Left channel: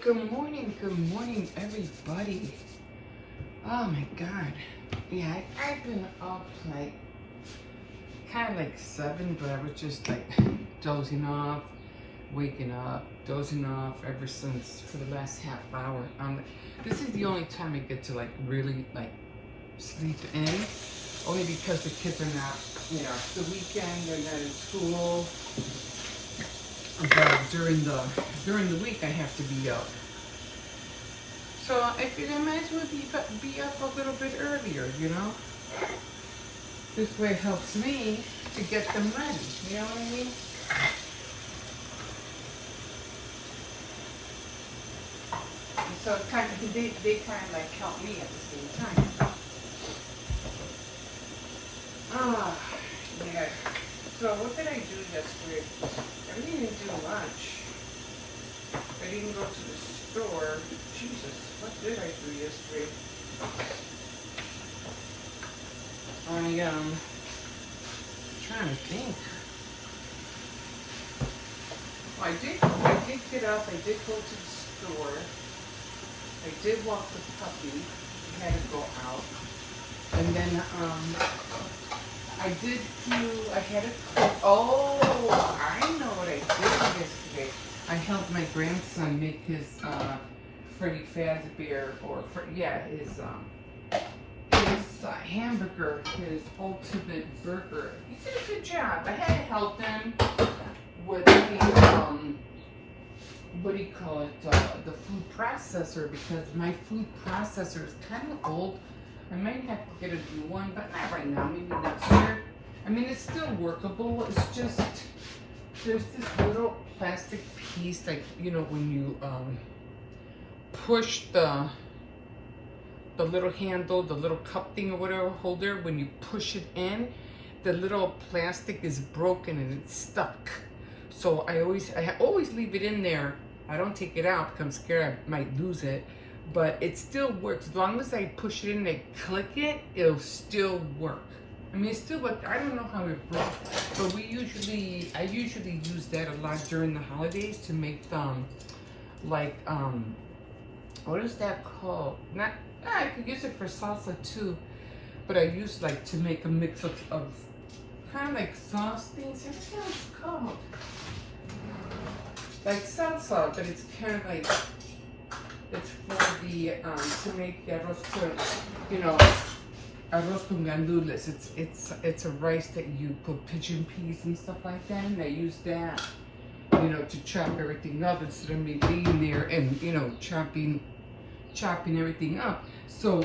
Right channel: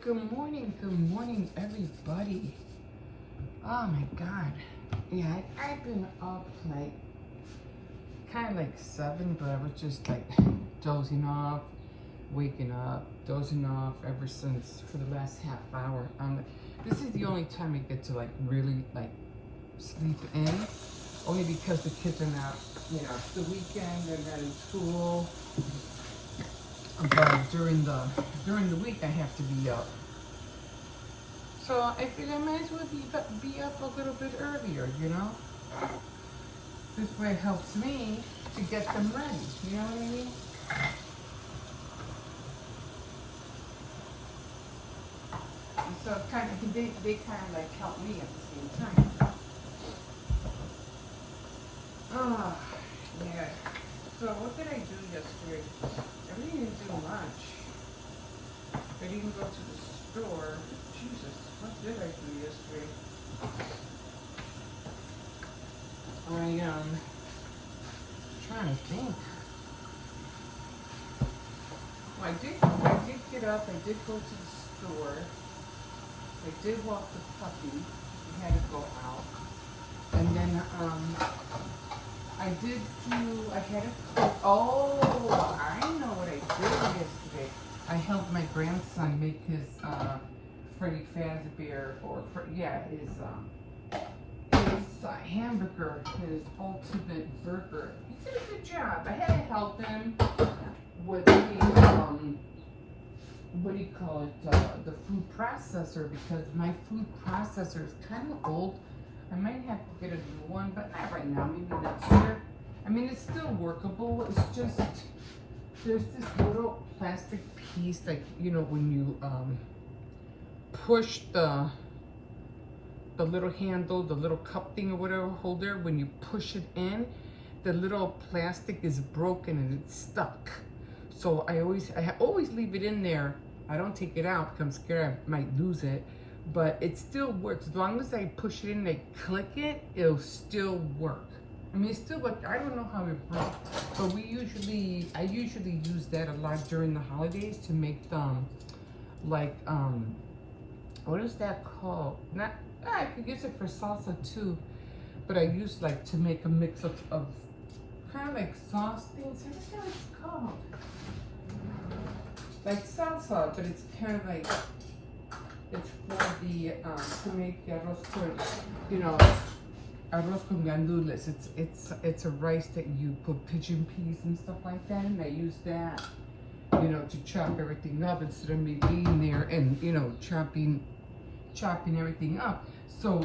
Good morning, everybody. Oh my God. Yeah, I've been up like, kind of like 7, but I was just like dozing off, waking up, dozing off ever since for the last half hour. This is the only time I get to like really like sleep in, only because the kids are not, it's the weekend, they're not in school. But during the week, I have to be up. So I figured I might as well be up a little bit earlier, This way it helps me to get them ready, you know what I mean? So kind of, they kind of like help me at the same time. Yeah. So what did I do yesterday? I really didn't do much. I didn't go to the store. Jesus, what did I do yesterday? Trying to think. I did get up. I did go to the store. I did walk the puppy. I had to go out. And then I had to cook. Oh, I know what I did yesterday. I helped my grandson make his Freddy Fazbear, his hamburger, his ultimate burger. He did a good job. I had to help him with the, what do you call it, the food processor, because my food processor is kind of old. I might have to get a new one, but not right now, maybe next year. I mean, it's still workable. It's just, there's this little plastic piece, like, when you push the little handle, the little cup thing or whatever holder, when you push it in, the little plastic is broken and it's stuck. So I always leave it in there. I don't take it out because I'm scared I might lose it, but it still works. As long as I push it in and click it, it'll still work. I mean, it's still what, I don't know how it broke, but I usually use that a lot during the holidays to make what is that called? I could use it for salsa too, but I use like to make a mix of kind of like sauce things. I forget what it's called. Like salsa, but it's kind of like, it's for the, to make arroz con gandules. It's a rice that you put pigeon peas and stuff like that, and I use that, to chop everything up instead of me being there and, chopping everything up. So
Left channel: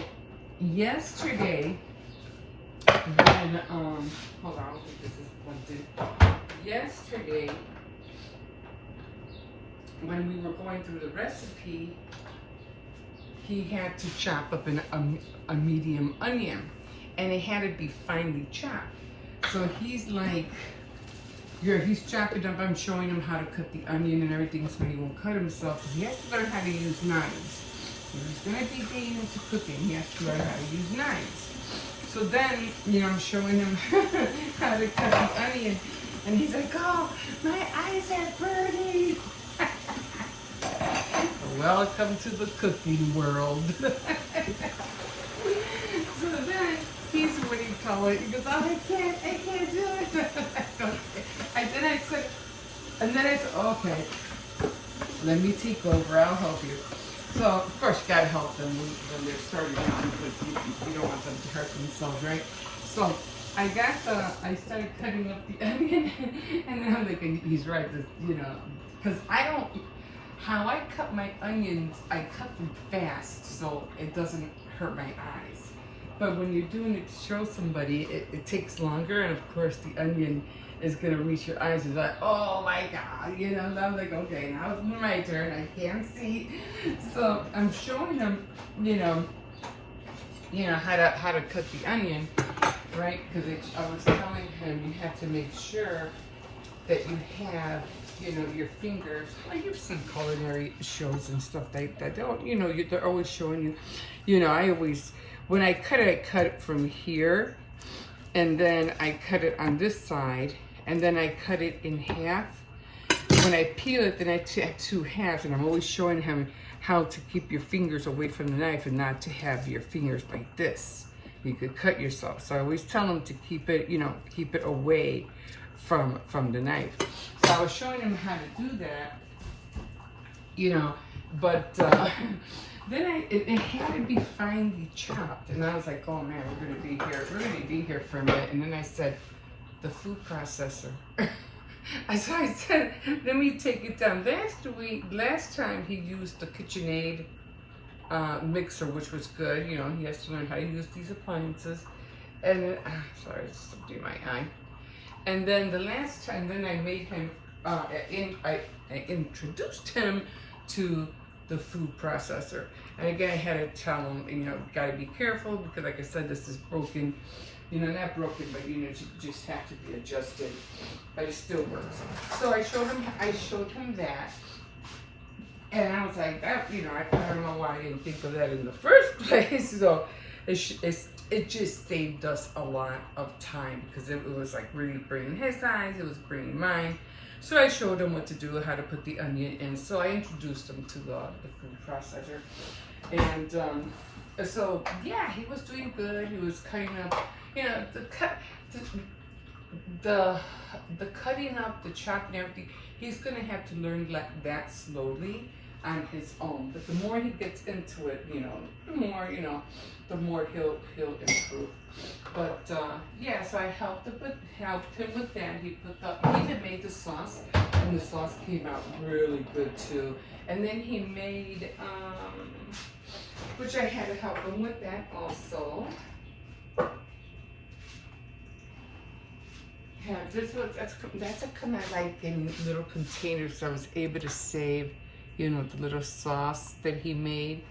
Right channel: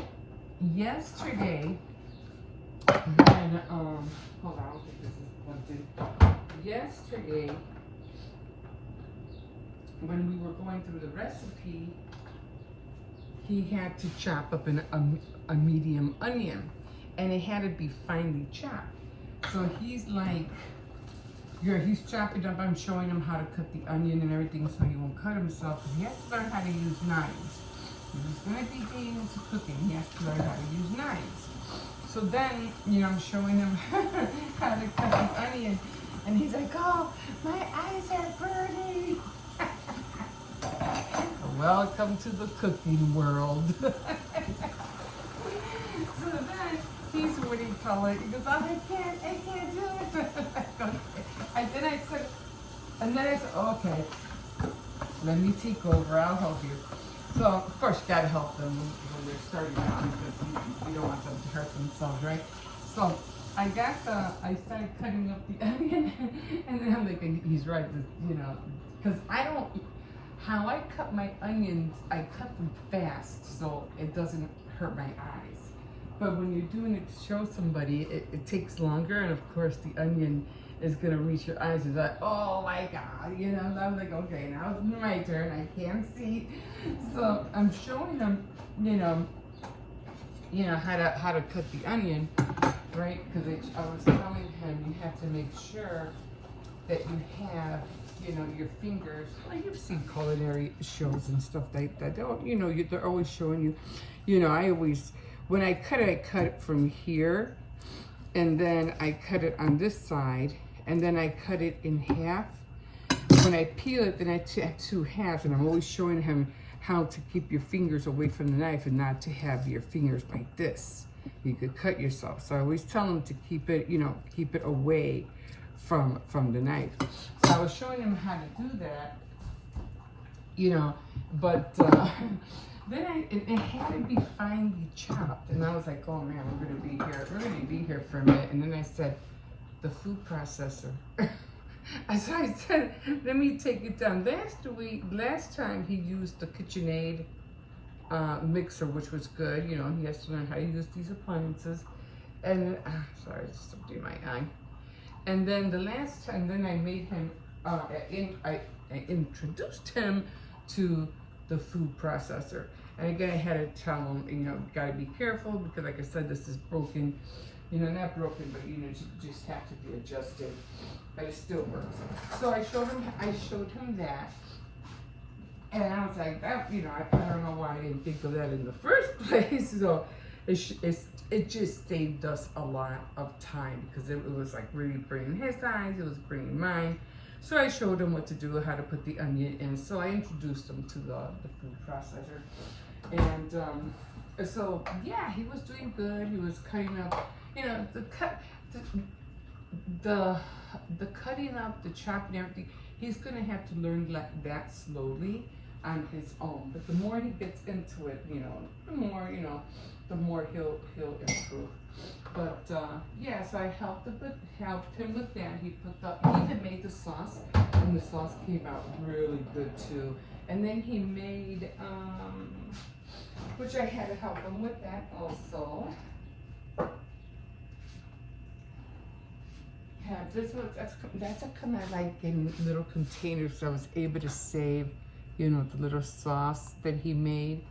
yesterday, when, hold on, this is plugged in. Yesterday, when we were going through the recipe, he had to chop up a medium onion, and it had to be finely chopped. So he's like, he's chopping up. I'm showing him how to cut the onion and everything so he won't cut himself. He has to learn how to use knives. If he's going to be getting into cooking, he has to learn how to use knives. So then, I'm showing him how to cut the onion, and he's like, oh, my eyes are burning. Welcome to the cooking world. So then, he's, what do you call it? He goes, oh, I can't do it. And then I said, okay, let me take over, I'll help you. So, of course, you gotta help them when they're starting out, because you don't want them to hurt themselves, right? So, I started cutting up the onion, and then I'm like, he's right, because how I cut my onions, I cut them fast, so it doesn't hurt my eyes. But when you're doing it to show somebody, it takes longer, and of course the onion is gonna reach your eyes. It's like, oh my God, and I'm like, okay, now it's my turn, I can't see. So I'm showing them, how to cut the onion, right? Because I was telling him you have to make sure that you have, your fingers. Well, you've seen culinary shows and stuff like that. They're always showing you. When I cut it from here, and then I cut it on this side, and then I cut it in half. when I peel it, then I have two halves, and I'm always showing him how to keep your fingers away from the knife and not to have your fingers like this. You could cut yourself. So I always tell him to keep it, you know, keep it away from the knife. So I was showing him how to do that, you know, but then it had to be finely chopped, and I was like, oh man, we're gonna be here for a minute. And then I said, the food processor. I said, let me take it down. Last time he used the KitchenAid mixer, which was good. You know, he has to learn how to use these appliances. And sorry, something in my eye. And then the last time, then I made him, I introduced him to the food processor. And again, I had to tell him, you know, gotta be careful because, like I said, this is broken. You know, not broken, but you know, it just have to be adjusted. But it still works. So I showed him that. And I was like, that, you know, I don't know why I didn't think of that in the first place. So it just saved us a lot of time because it was like really bringing his eyes, it was bringing mine. So I showed him what to do, how to put the onion in. So I introduced him to the food processor. And so, yeah, he was doing good. He was cutting up, you know, the cutting up, the chopping, everything. He's gonna have to learn like that slowly on his own. But the more he gets into it, you know, the more he'll improve. But yeah, so I helped him with that. He even made the sauce, and the sauce came out really good too. And then he made which I had to help him with that also. Yeah, that's a kind of like in little containers, so I was able to save, you know, the little sauce that he made.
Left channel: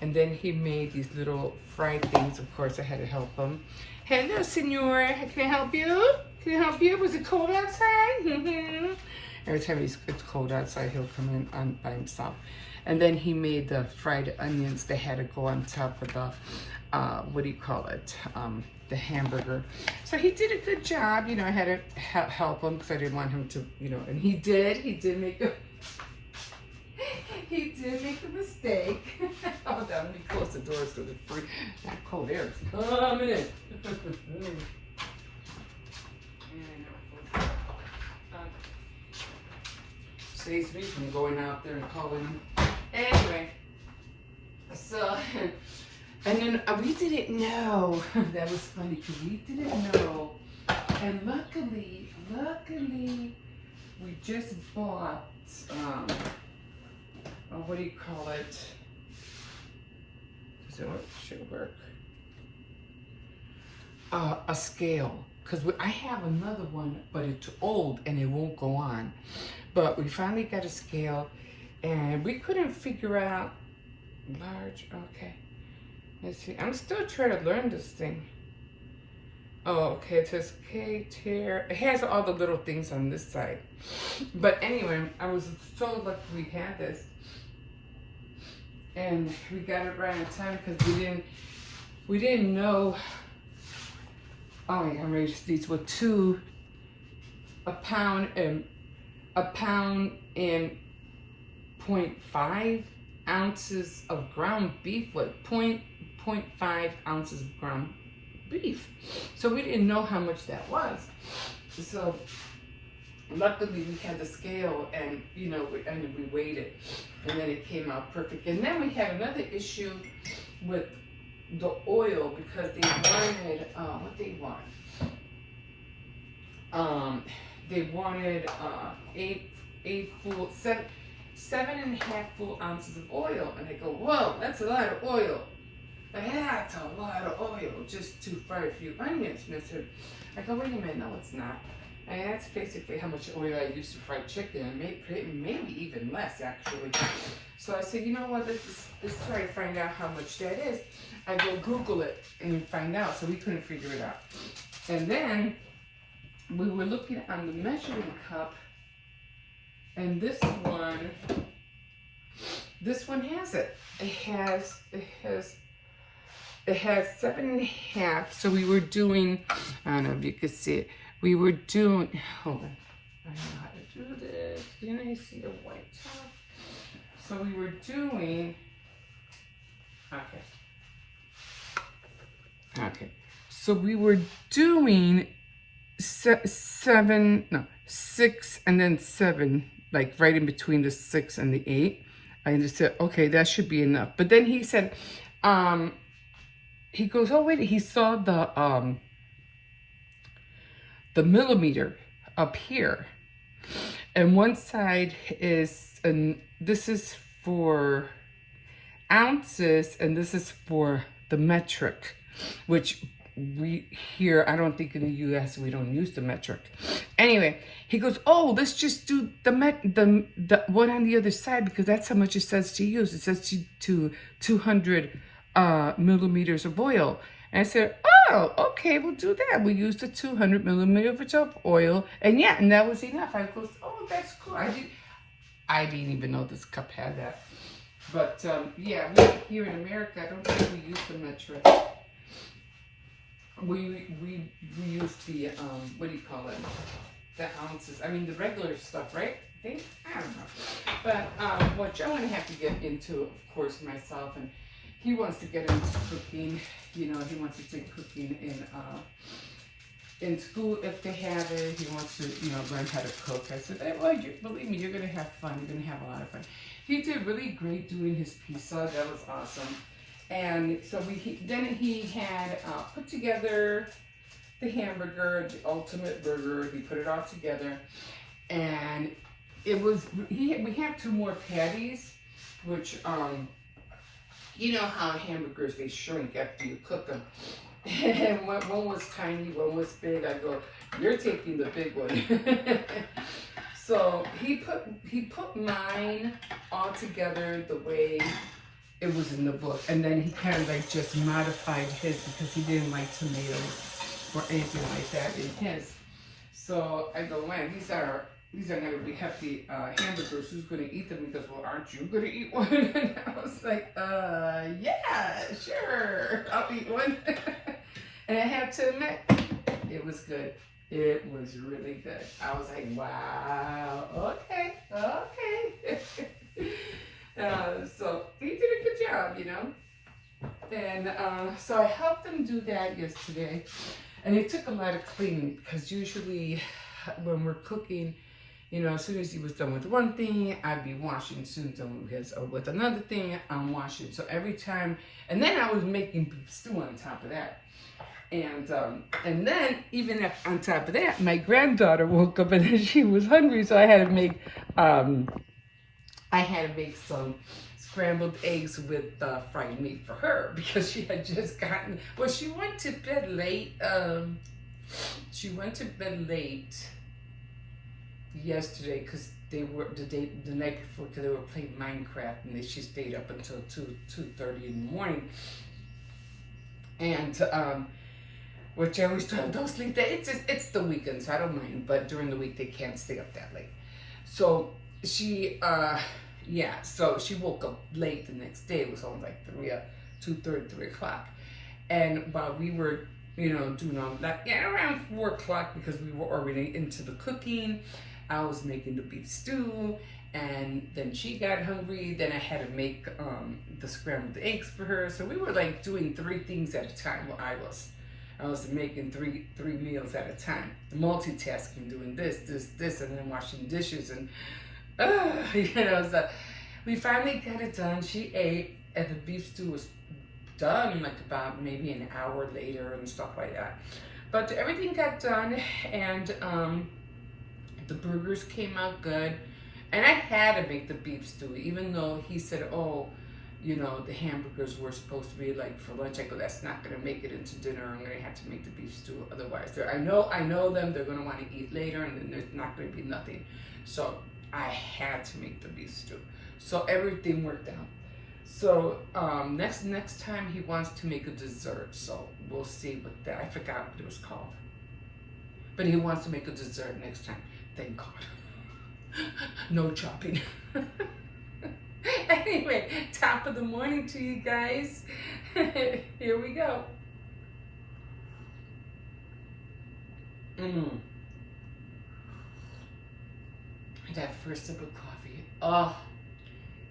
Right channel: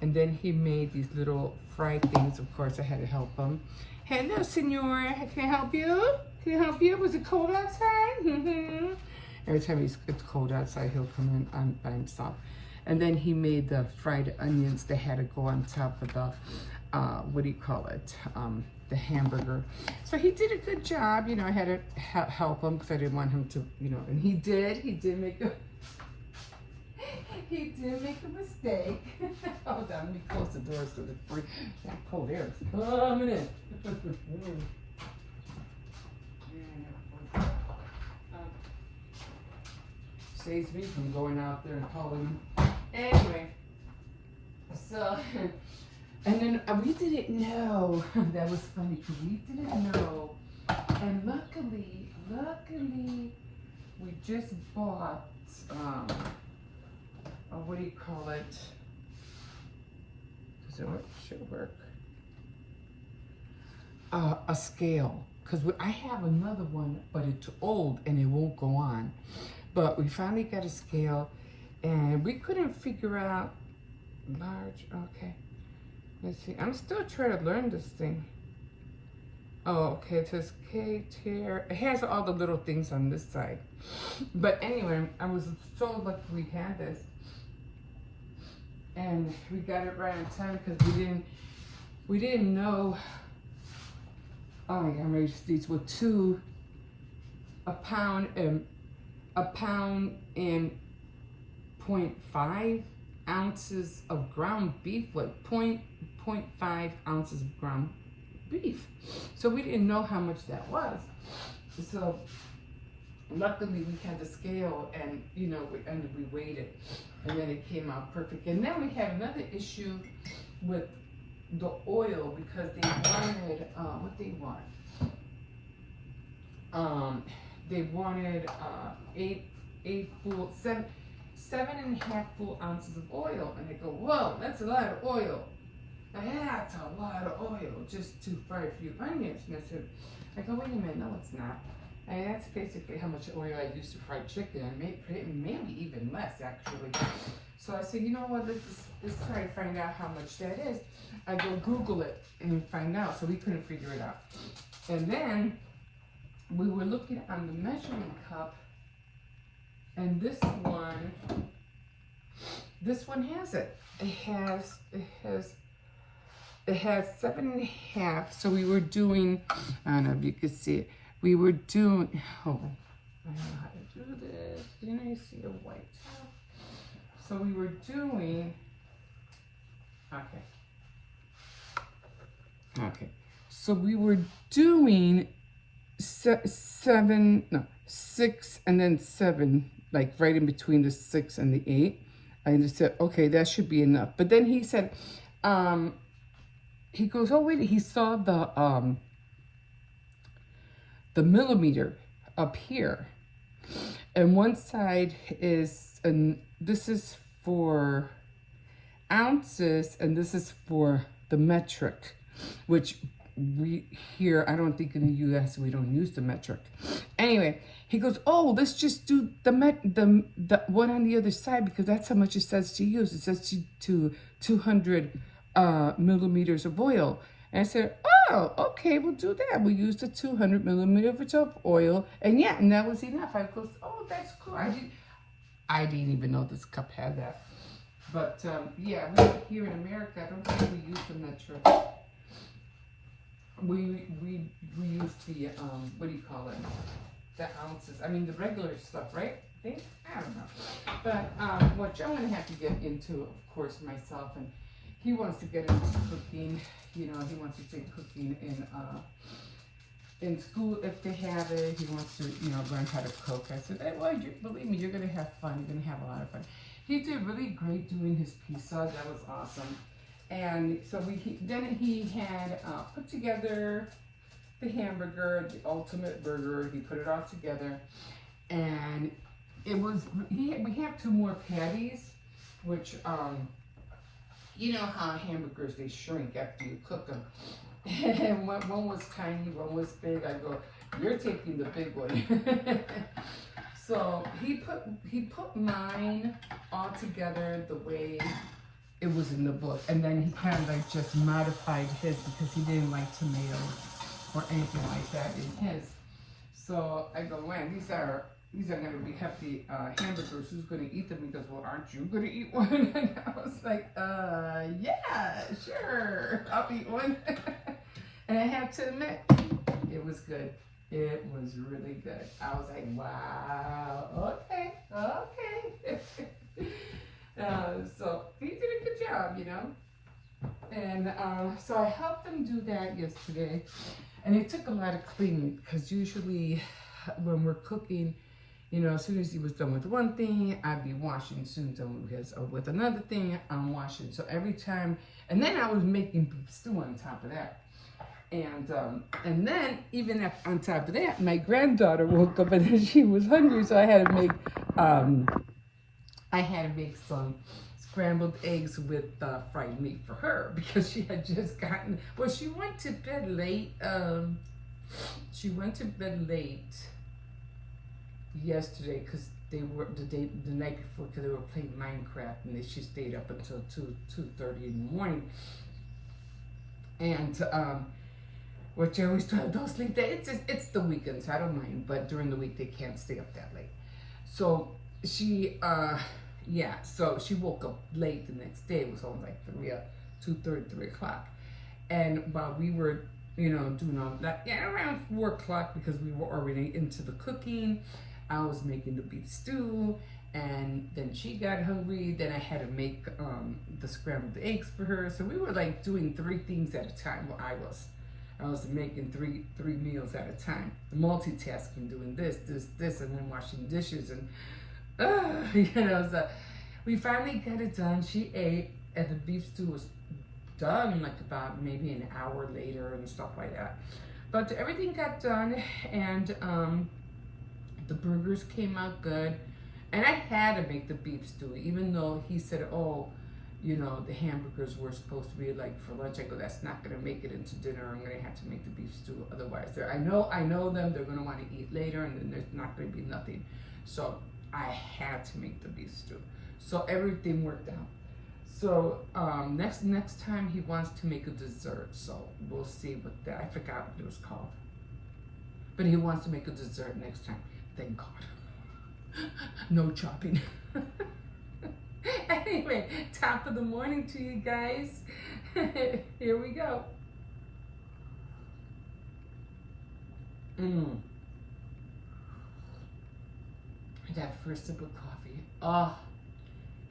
And then he made these little fried things. Of course, I had to help him. Hello, senor. Can I help you? Can I help you? Was it cold outside? Every time it's cold outside, he'll come in by himself. And then he made the fried onions that had to go on top of the, what do you call it? The hamburger. So he did a good job. You know, I had to help him because I didn't want him to, you know, and he did make a mistake. Hold on, let me close the door so the free cold air is coming in. Saves me from going out there and calling him. Anyway, so, and then we didn't know. That was funny because we didn't know. And luckily, we just bought, what do you call it? Does it work? Should work. A scale. Because I have another one, but it's old and it won't go on. But we finally got a scale, and we couldn't figure out large. Okay, let's see. I'm still trying to learn this thing. Oh, okay. It says K tier. It has all the little things on this side. But anyway, I was so lucky we had this, and we got it right on time because we didn't know. Oh my God, these were a pound and 0.5 ounces of ground beef with 0.5 ounces of ground beef. So we didn't know how much that was. So luckily we had the scale, and you know, we weighed it, and then it came out perfect. And then we had another issue with the oil because they wanted what they want. They wanted 7.5 full ounces of oil, and I go, whoa, that's a lot of oil. That's a lot of oil just to fry a few onions. And I go, wait a minute, no, it's not. And that's basically how much oil I use to fry chicken, and maybe even less actually. So I said, you know what, let's try to find out how much that is. I go Google it and find out, so we couldn't figure it out. And then we were looking on the measuring cup, and this one has it. It has 7.5. So we were doing, I don't know if you could see it. We were doing, hold on, I don't know how to do this. Didn't I see a white top? So we were doing. Okay. Okay. So we were doing 7, no, 6, and then 7, like right in between the 6 and the 8. I just said, okay, that should be enough. But then he said, he goes, oh wait, he saw the millimeter up here, and one side is, and this is for ounces, and this is for the metric, which we here, I don't think in the U.S. we don't use the metric. Anyway, he goes, oh, let's just do the one on the other side, because that's how much it says to use. It says to 200 millimeters of oil. And I said, oh, okay, we'll do that. We'll use the 200 millimeters of oil, and yeah, and that was enough. I goes, oh, that's cool. I didn't even know this cup had that. But yeah, here in America, I don't think we use the metric. We use the what do you call it? The ounces. I mean the regular stuff, right? I think, I don't know. But what Joe and I have to get into, of course, myself, and he wants to get into cooking. You know, he wants to take cooking in school if they have it. He wants to, you know, learn how to cook. I said, hey, well, believe me, you're gonna have fun. You're gonna have a lot of fun. He did really great doing his pizza. That was awesome. And so then he had put together the hamburger, the ultimate burger. He put it all together, and it was. We have 2 more patties, which you know how hamburgers, they shrink after you cook them. And one was tiny, one was big. I go, you're taking the big one. So he put mine all together the way it was in the book, and then he kind of like just modified his because he didn't like tomatoes or anything like that in his. So I go, man, these are going to be hefty hamburgers. Who's going to eat them? He goes, well, aren't you going to eat one? And I was like, yeah, sure, I'll eat one. And I have to admit, it was good. It was really good. I was like, wow, okay. So he did a good job, you know. And so I helped him do that yesterday. And it took a lot of cleaning, because usually when we're cooking, you know, as soon as he was done with one thing, I'd be washing. As soon as done with another thing, I'm washing. So every time, and then I was making beef stew on top of that. And then even on top of that, my granddaughter woke up and she was hungry, so I had to make some scrambled eggs with fried meat for her, because she had just gotten. Well, she went to bed late. She went to bed late yesterday because they were the night before, because they were playing Minecraft, and she stayed up until 2:30 in the morning. And which I always tell them, don't sleep that. It's the weekend, so I don't mind. But during the week, they can't stay up that late. So she, so she woke up late the next day. It was on like 2:30, 3 o'clock. And while we were, you know, doing all that, around 4 o'clock, because we were already into the cooking, I was making the beef stew. And then she got hungry. Then I had to make the scrambled eggs for her. So we were like doing 3 things at a time. Well, I was making three meals at a time, multitasking, doing this, and then washing dishes, and you know. So we finally got it done. She ate, and the beef stew was done like about maybe an hour later and stuff like that. But everything got done, and the burgers came out good. And I had to make the beef stew, even though he said, oh, you know, the hamburgers were supposed to be like for lunch. I go, that's not going to make it into dinner. I'm going to have to make the beef stew otherwise. I know them. They're going to want to eat later, and then there's not going to be nothing. So I had to make the beef stew. So everything worked out. So next time he wants to make a dessert. So we'll see what that. I forgot what it was called. But he wants to make a dessert next time. Thank God. No chopping. Anyway, top of the morning to you guys. Here we go. that first sip of coffee. Oh,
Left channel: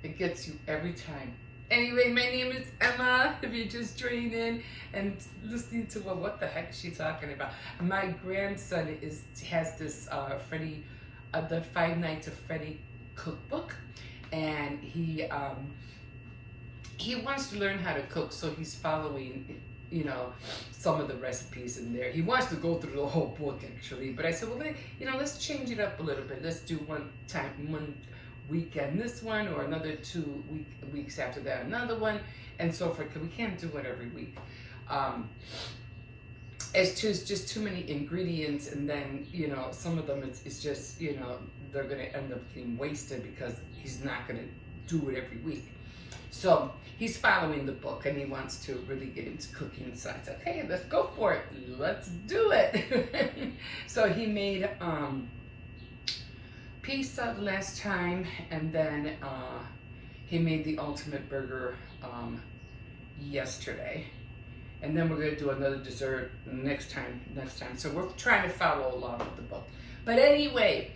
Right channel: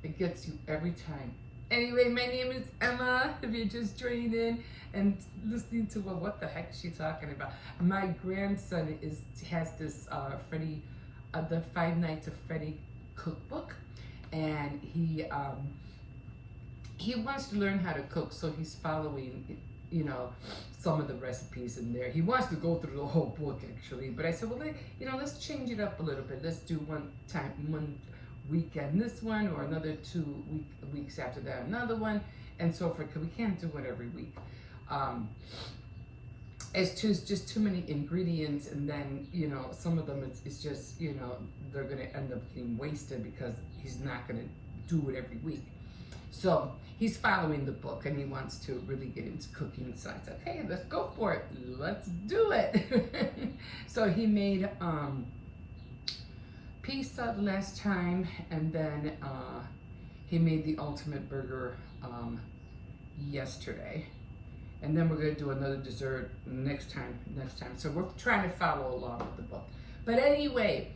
it gets you every time. Anyway, my name is Emma. If you're just joining in and listening to what the heck is she talking about? My grandson has this Freddy, the 5 Nights of Freddy cookbook, and he wants to learn how to cook, so he's following, you know, some of the recipes in there. He wants to go through the whole book actually, but I said, well, let's change it up a little bit. Let's do one weekend this one, or another 2 weeks after that another one, and so forth, because we can't do it every week. It's just too many ingredients, and then, you know, some of them it's just, you know, they're going to end up getting wasted because he's not going to do it every week. So he's following the book, and he wants to really get into cooking. So I said, hey, let's go for it. Let's do it. So he made pizza last time, and then he made the ultimate burger yesterday. And then we're going to do another dessert next time. So we're trying to follow along with the book. But anyway,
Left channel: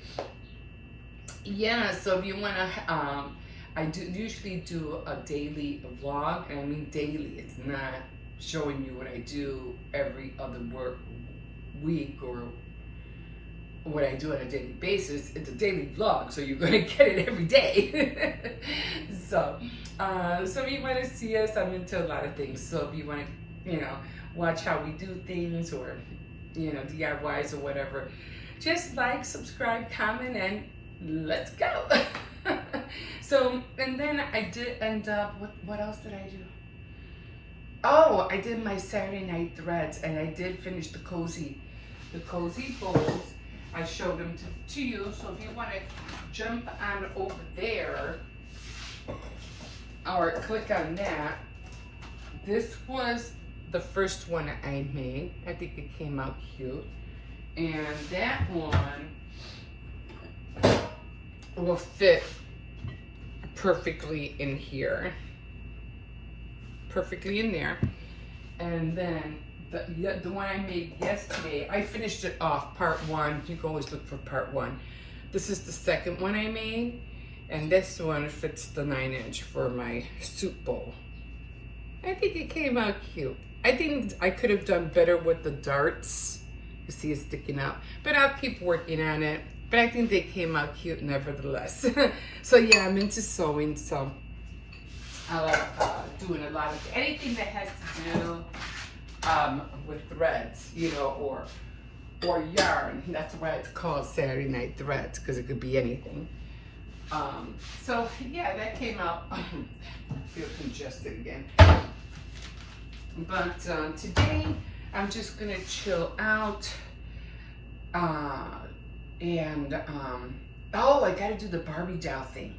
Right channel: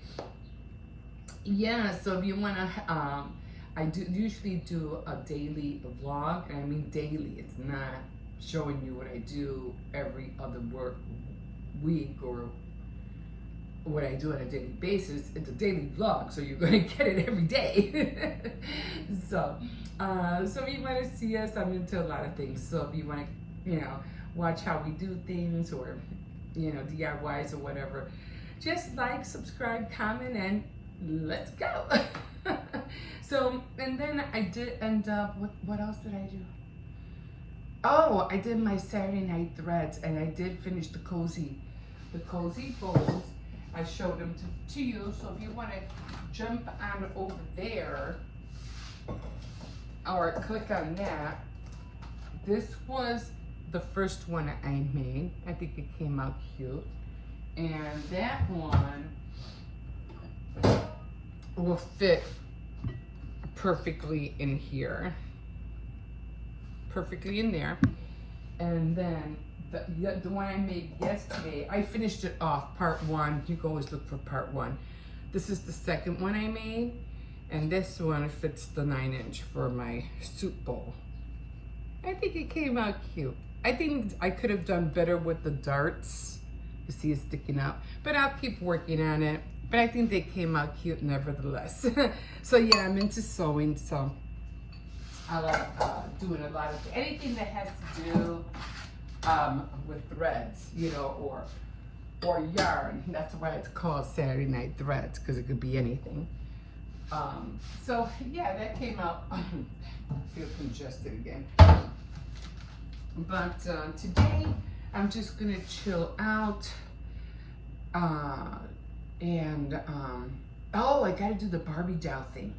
yeah, so if you want to, I usually do a daily vlog, and I mean daily. It's not showing you what I do every other week or what I do on a daily basis. It's a daily vlog, so you're going to get it every day. So if you want to see us, I'm into a lot of things. So if you want to, you know, watch how we do things, or, you know, DIYs or whatever, just like, subscribe, comment, and let's go. So, and then I did end up, what else did I do? Oh, I did my Saturday night threads, and I did finish the cozy folds. I showed them to you, so if you want to jump on over there or click on that, this was the first one I made. I think it came out cute, and that one will fit perfectly in here, perfectly in there. And then the one I made yesterday, I finished it off, part 1. You can always look for part 1. This is the second one I made, and this one fits the 9-inch for my soup bowl. I think it came out cute. I think I could have done better with the darts. You see it sticking out, but I'll keep working on it. But I think they came out cute nevertheless. So yeah, I'm into sewing, so I like doing a lot of anything that has to do with threads, you know, or yarn. That's why it's called Saturday Night Threads, because it could be anything. So yeah, that came out. I feel congested again. But today I'm just gonna chill out. Oh, I gotta do the Barbie doll thing.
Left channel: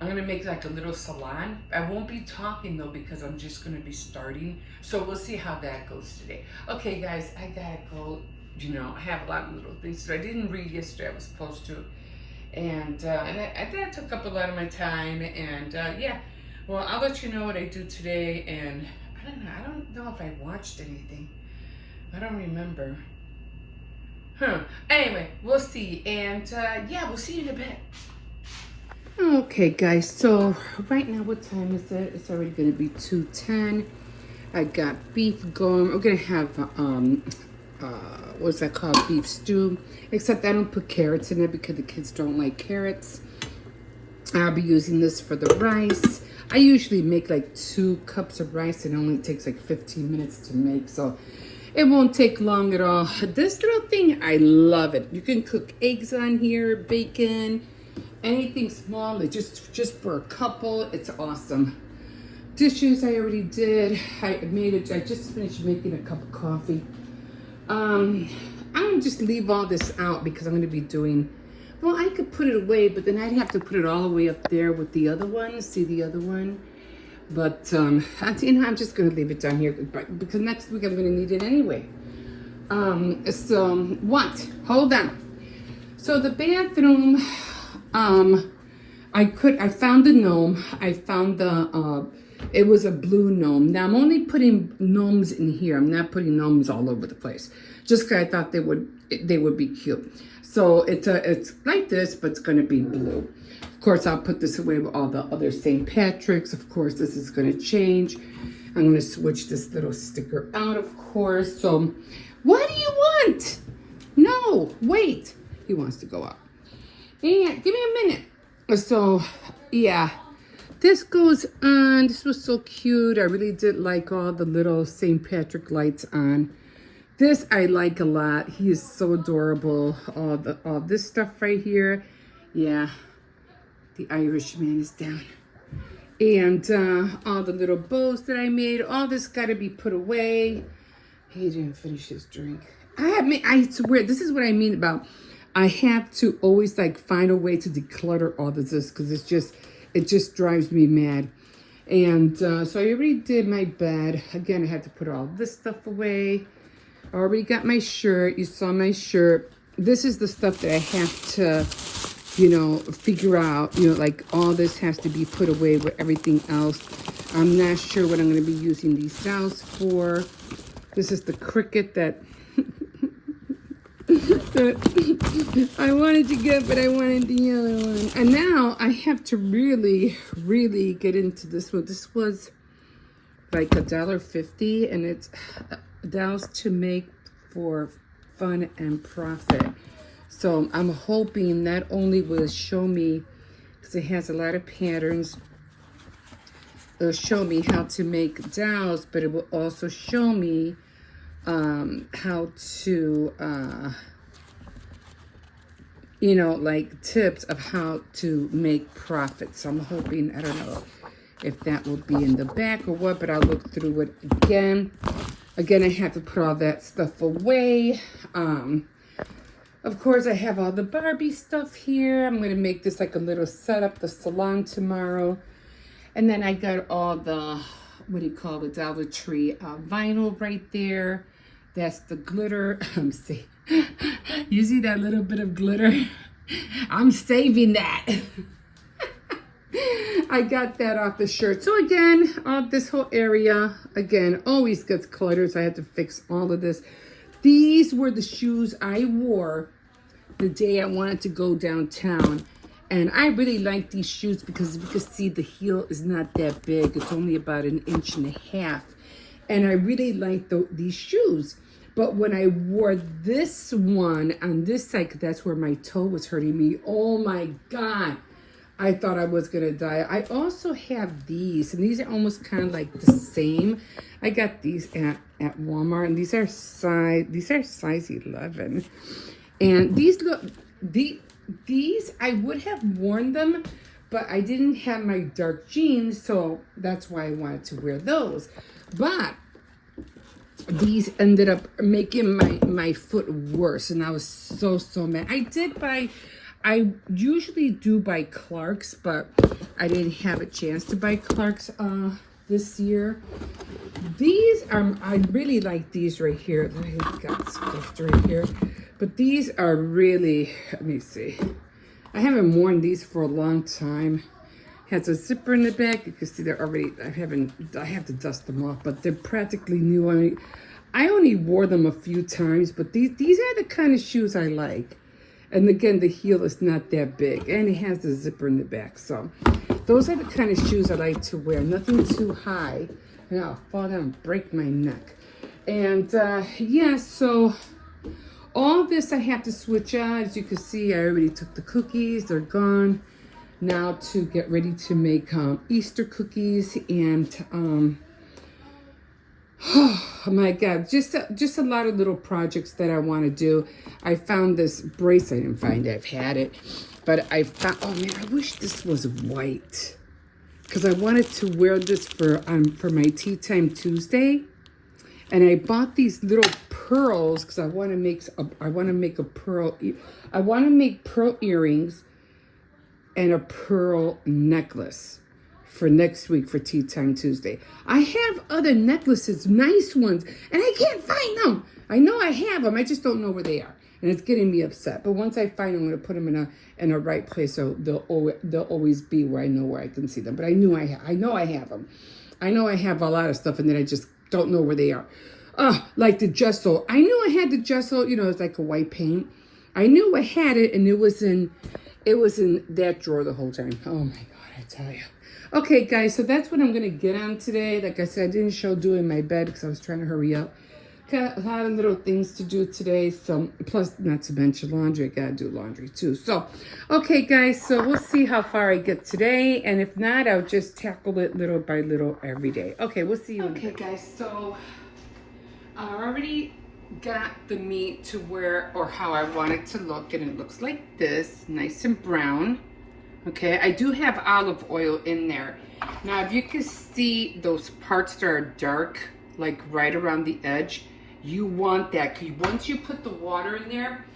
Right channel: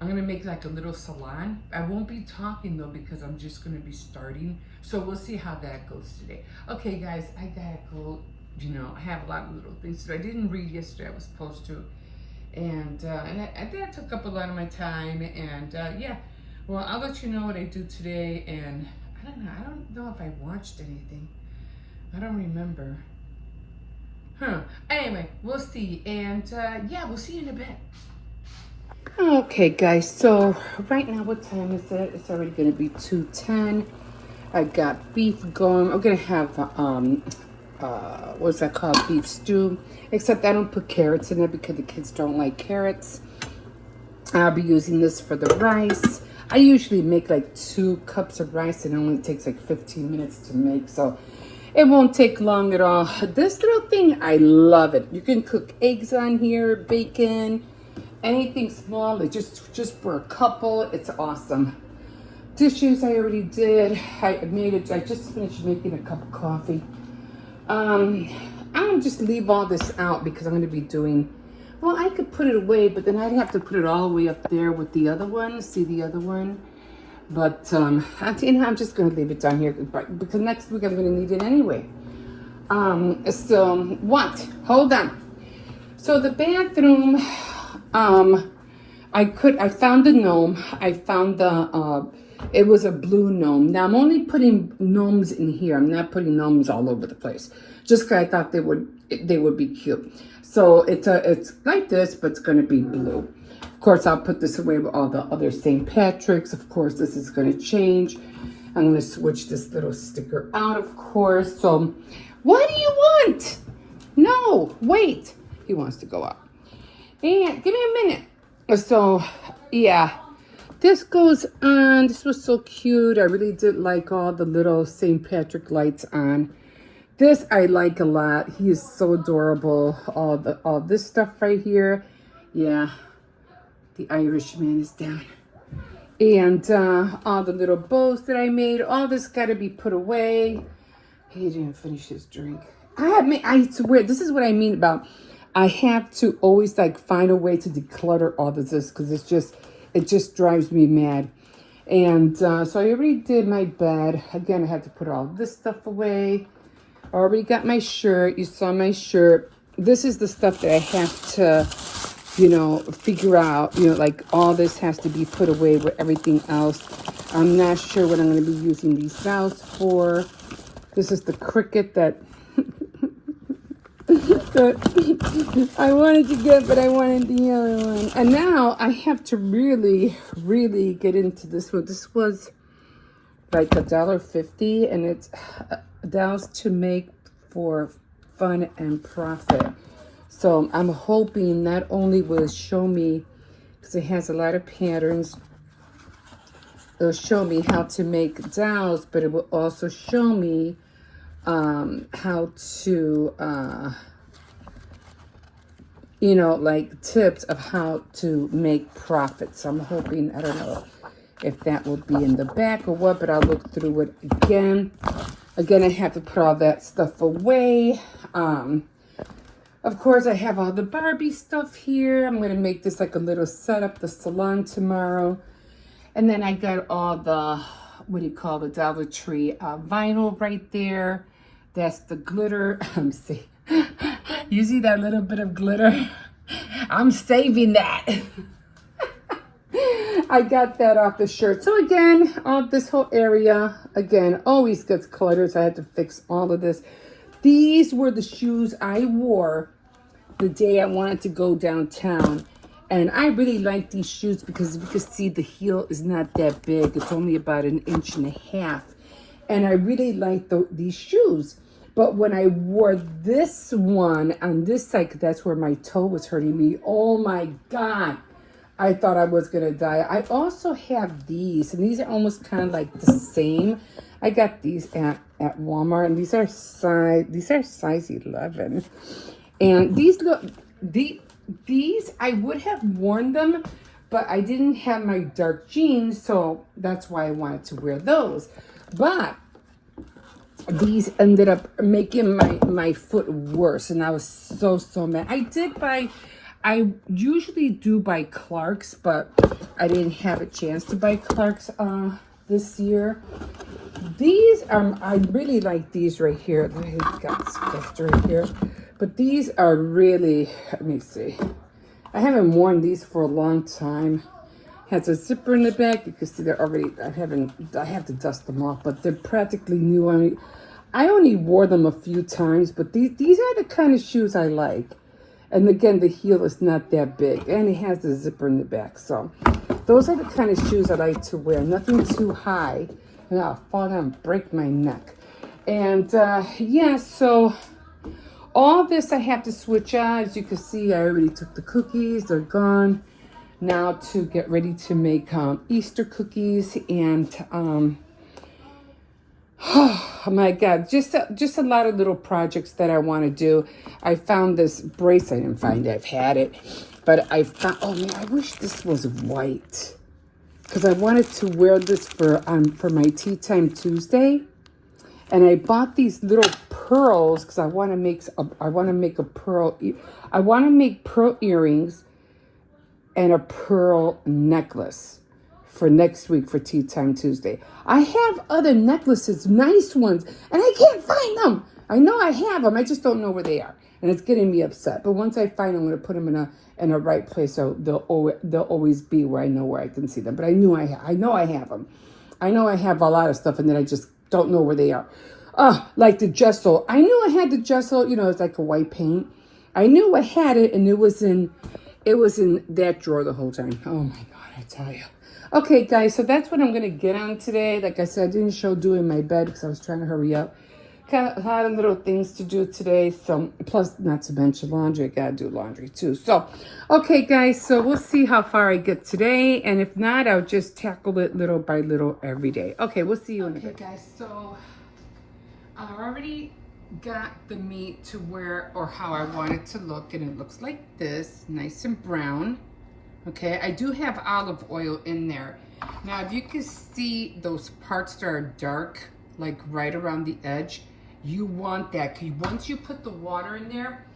I'm gonna make like a little salon. I won't be talking though, because I'm just gonna be starting. So we'll see how that goes today. Okay guys, I gotta go. You know, I have a lot of little things to do. I didn't read yesterday, I was supposed to. And that took up a lot of my time. And yeah, well, I'll let you know what I do today. And I don't know if I watched anything. I don't remember. Anyway, we'll see. And yeah, we'll see you in a bit. Okay, guys. So right now, what time is it? It's already going to be 2:10. I got beef going. I'm going to have, what's that called? Beef stew. Except I don't put carrots in it because the kids don't like carrots. I'll be using this for the rice. I usually make like 2 cups of rice. It only takes like 15 minutes to make, so it won't take long at all. This little thing, I love it. You can cook eggs on here, bacon, anything small, like just for a couple. It's awesome. Dishes I already did. I just finished making a cup of coffee. I'm gonna just leave all this out because I'm gonna be doing, well, I could put it away, but then I'd have to put it all the way up there with the other one. See the other one? But I'm just gonna leave it down here because next week I'm gonna need it anyway. So what? Hold on. So the bathroom, I found the gnome. I found it was a blue gnome. Now I'm only putting gnomes in here. I'm not putting gnomes all over the place, just because I thought they would be cute. So So it's like this, but it's going to be blue. Of course, I'll put this away with all the other St. Patrick's. Of course, this is going to change. I'm going to switch this little sticker out, of course. So, what do you want? No, wait. He wants to go up. And give me a minute. So, yeah. This goes on. This was so cute. I really did like all the little St. Patrick lights on. This I like a lot. He is so adorable. All this stuff right here. Yeah. The Irishman is down. And all the little bows that I made. All this got to be put away. He didn't finish his drink. I swear, this is what I mean about I have to always like find a way to declutter all of this because it just drives me mad. And so I already did my bed. Again, I had to put all this stuff away. I already got my shirt. You saw my shirt. This is the stuff that I have to, you know, figure out. You know, like all this has to be put away with everything else. I'm not sure what I'm going to be using these dolls for. This is the Cricut that I wanted to get, but I wanted the other one. And now I have to really, really get into this one. This was like $1.50, and it's dolls to make for fun and profit. So I'm hoping not only will it show me, because it has a lot of patterns, it'll show me how to make dolls, but it will also show me how to, you know, like tips of how to make profits. So I'm hoping, I don't know if that will be in the back or what, but I'll look through it again. Again, I have to put all that stuff away. Of course, I have all the Barbie stuff here. I'm going to make this like a little setup, the salon tomorrow. And then I got all the, what do you call the Dollar Tree vinyl right there. That's the glitter. Let me see. You see that little bit of glitter? I'm saving that. I got that off the shirt. So again, this whole area, again, always gets cluttered. So I had to fix all of this. These were the shoes I wore the day I wanted to go downtown. And I really like these shoes because you can see the heel is not that big. It's only about 1.5 inches. And I really like these shoes. But when I wore this one on this side, that's where my toe was hurting me. Oh my God. I thought I was going to die. I also have these, and these are almost kind of like the same. I got these at Walmart, and these are size 11. And these I would have worn them, but I didn't have my dark jeans, so that's why I wanted to wear those. But these ended up making my foot worse, and I was so mad. I usually do buy Clark's, but I didn't have a chance to buy Clark's this year. These I really like these right here. I got stuffed right here. But these are really, let me see. I haven't worn these for a long time. Has a zipper in the back. You can see they're already, I have to dust them off, but they're practically new. I only wore them a few times, but these are the kind of shoes I like. And again, the heel is not that big, and it has the zipper in the back. So those are the kind of shoes I like to wear. Nothing too high, and I'll fall down and break my neck. And yeah, so all this I have to switch out. As you can see, I already took the cookies. They're gone. Now to get ready to make Easter cookies. And oh my God, just a lot of little projects that I want to do. I found this bracelet. I didn't find it. I've had it. But I found, oh man, I wish this was white. Because I wanted to wear this for my Tea Time Tuesday. And I bought these little pearls because I want to make pearl earrings and a pearl necklace for next week for Tea Time Tuesday. I have other necklaces, nice ones, and I can't find them. I know I have them, I just don't know where they are, and it's getting me upset. But once I find them, I'm going to put them in a right place, so they'll always be where I know where I can see them. But I know I have them. I know I have a lot of stuff, and then I just don't know where they are. Like the gesso. I knew I had the gesso. You know, it's like a white paint. I knew I had it, and it was in that drawer the whole time. Oh my God, I tell you. Okay, guys, so that's what I'm gonna get on today. Like I said, I didn't show doing my bed because I was trying to hurry up. Got a lot of little things to do today. So, plus, not to mention laundry. I gotta do laundry too. So, okay, guys, so we'll see how far I get today. And if not, I'll just tackle it little by little every day. Okay, we'll see you in a bit. Okay, guys, so I already got the meat to where, or how I want it to look. And it looks like this, nice and brown. Okay, I do have olive oil in there. Now, if you can see those parts that are dark, like right around the edge, you want that. Because once you put the water in there,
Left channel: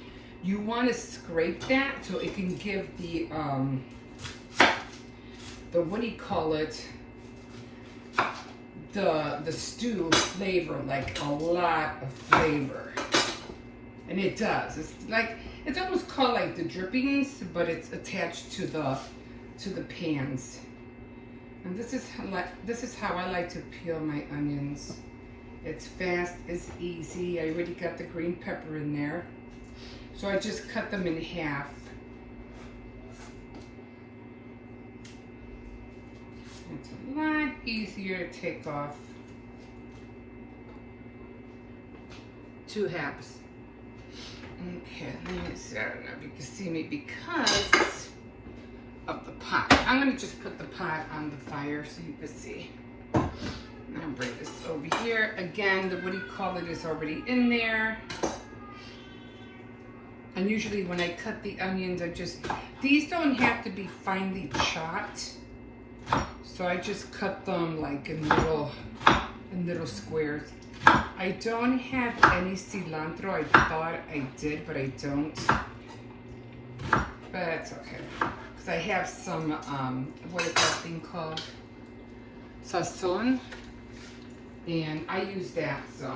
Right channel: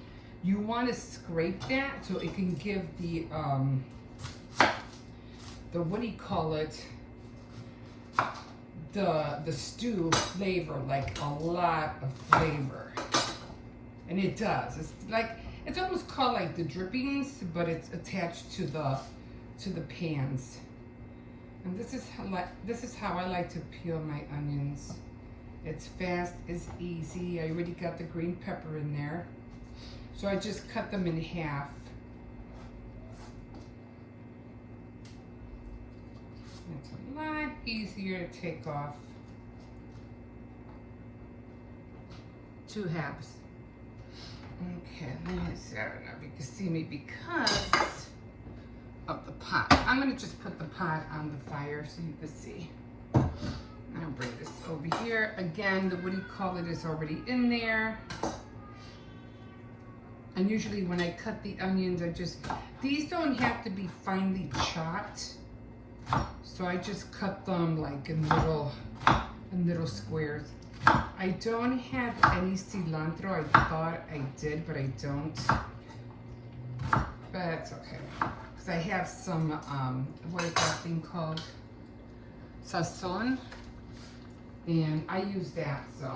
you want to scrape that so it can give the what do you call it? The stew flavor, like a lot of flavor. And it does. It's like, it's almost called like the drippings, but it's attached to the pans. And this is how I like to peel my onions. It's fast, it's easy. I already got the green pepper in there. So I just cut them in half. It's a lot easier to take off. 2 halves. Okay, let me see. I don't know if you can see me because of the pot. I'm going to just put the pot on the fire so you can see. I'm going to bring this over here. Again, the what do you call it is already in there. And usually when I cut the onions, these don't have to be finely chopped. So I just cut them like in little squares. I don't have any cilantro. I thought I did, but I don't. But that's okay. Because I have some, what is that thing called? Sazon. And I use that, so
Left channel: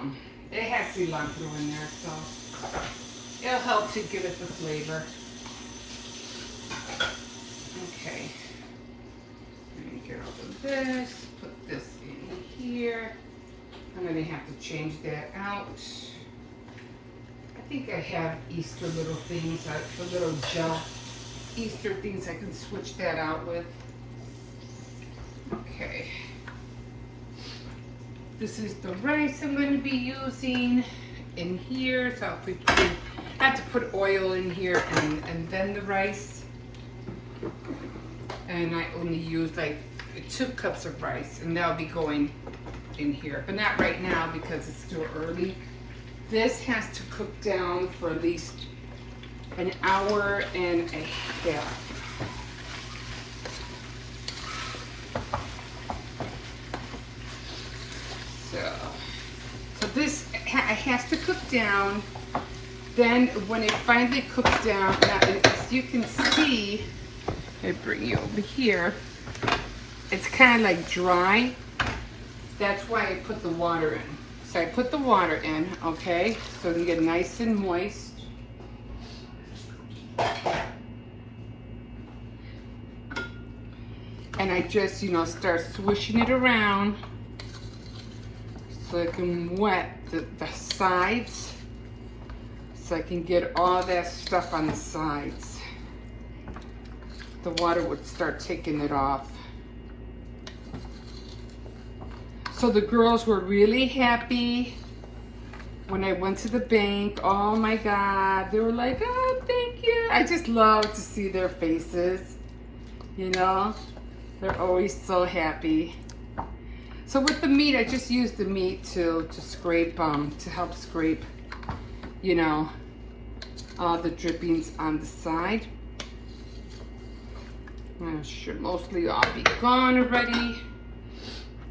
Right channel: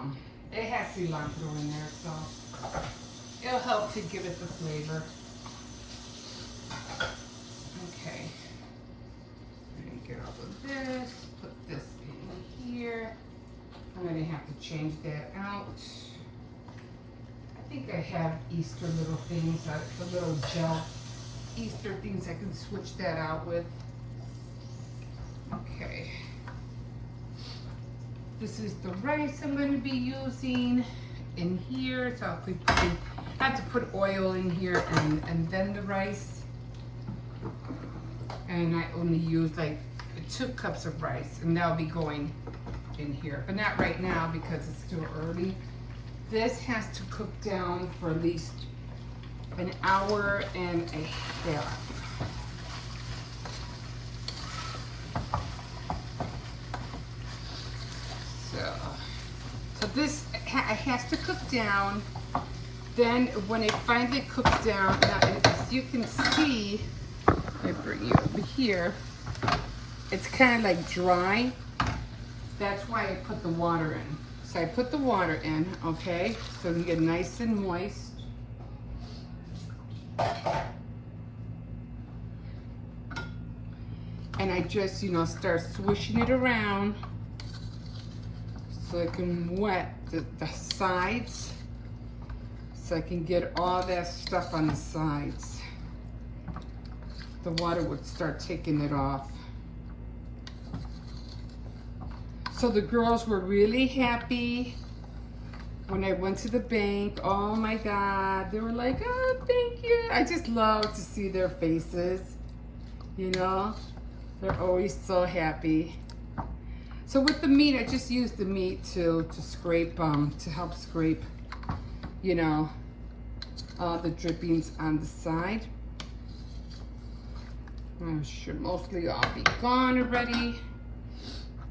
it has cilantro in there, so it'll help to give it the flavor. Okay. Let me get off of this, put this in here. I'm going to have to change that out. I think I have Easter little things, the little gel Easter things I can switch that out with. Okay. This is the rice I'm going to be using in here. So I have to put oil in here and then the rice. And I only use like 2 cups of rice, and that'll be going in here, but not right now because it's still early. This has to cook down for at least an hour and a half. So this has to cook down. Then when it finally cooks down, now as you can see, let me bring you over here, it's kind of like dry. That's why I put the water in. So I put the water in, okay, so you get nice and moist. And I just, start swishing it around so I can wet the sides, so I can get all that stuff on the sides. The water would start taking it off. So the girls were really happy when I went to the bank. Oh my God, they were like, oh, thank you. I just love to see their faces, They're always so happy. So with the meat, I just used the meat to scrape, to help scrape, all the drippings on the side. It should mostly all be gone already.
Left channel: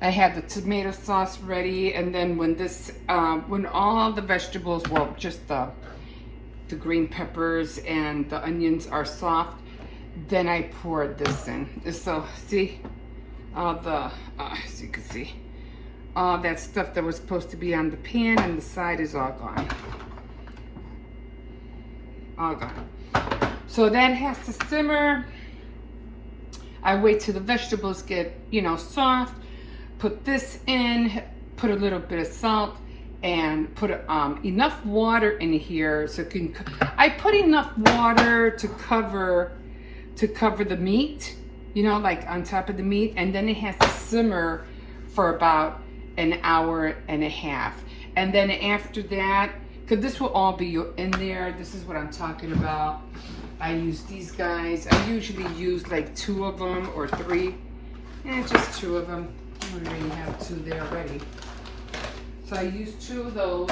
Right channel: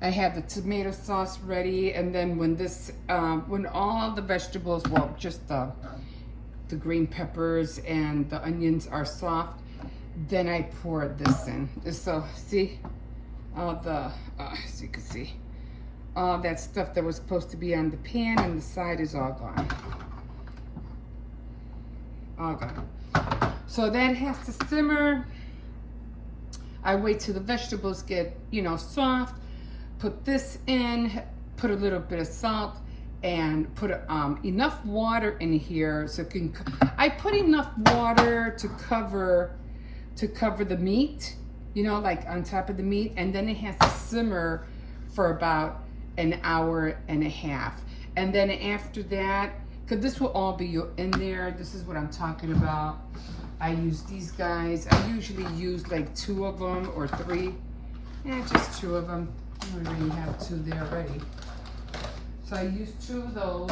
I have the tomato sauce ready, and then when all the vegetables, well, just the green peppers and the onions are soft, then I pour this in. So see, all the, as you can see, all that stuff that was supposed to be on the pan and the side is all gone. All gone. So that has to simmer. I wait till the vegetables get, soft. Put this in, put a little bit of salt, and put enough water in here so it can. I put enough water to cover the meat, you know, like on top of the meat, and then it has to simmer for about an hour and a half. And then after that, because this will all be in there, this is what I'm talking about. I use these guys. I usually use like 2 of them or 3. Just 2 of them. I already have 2 there already. So I use 2 of those.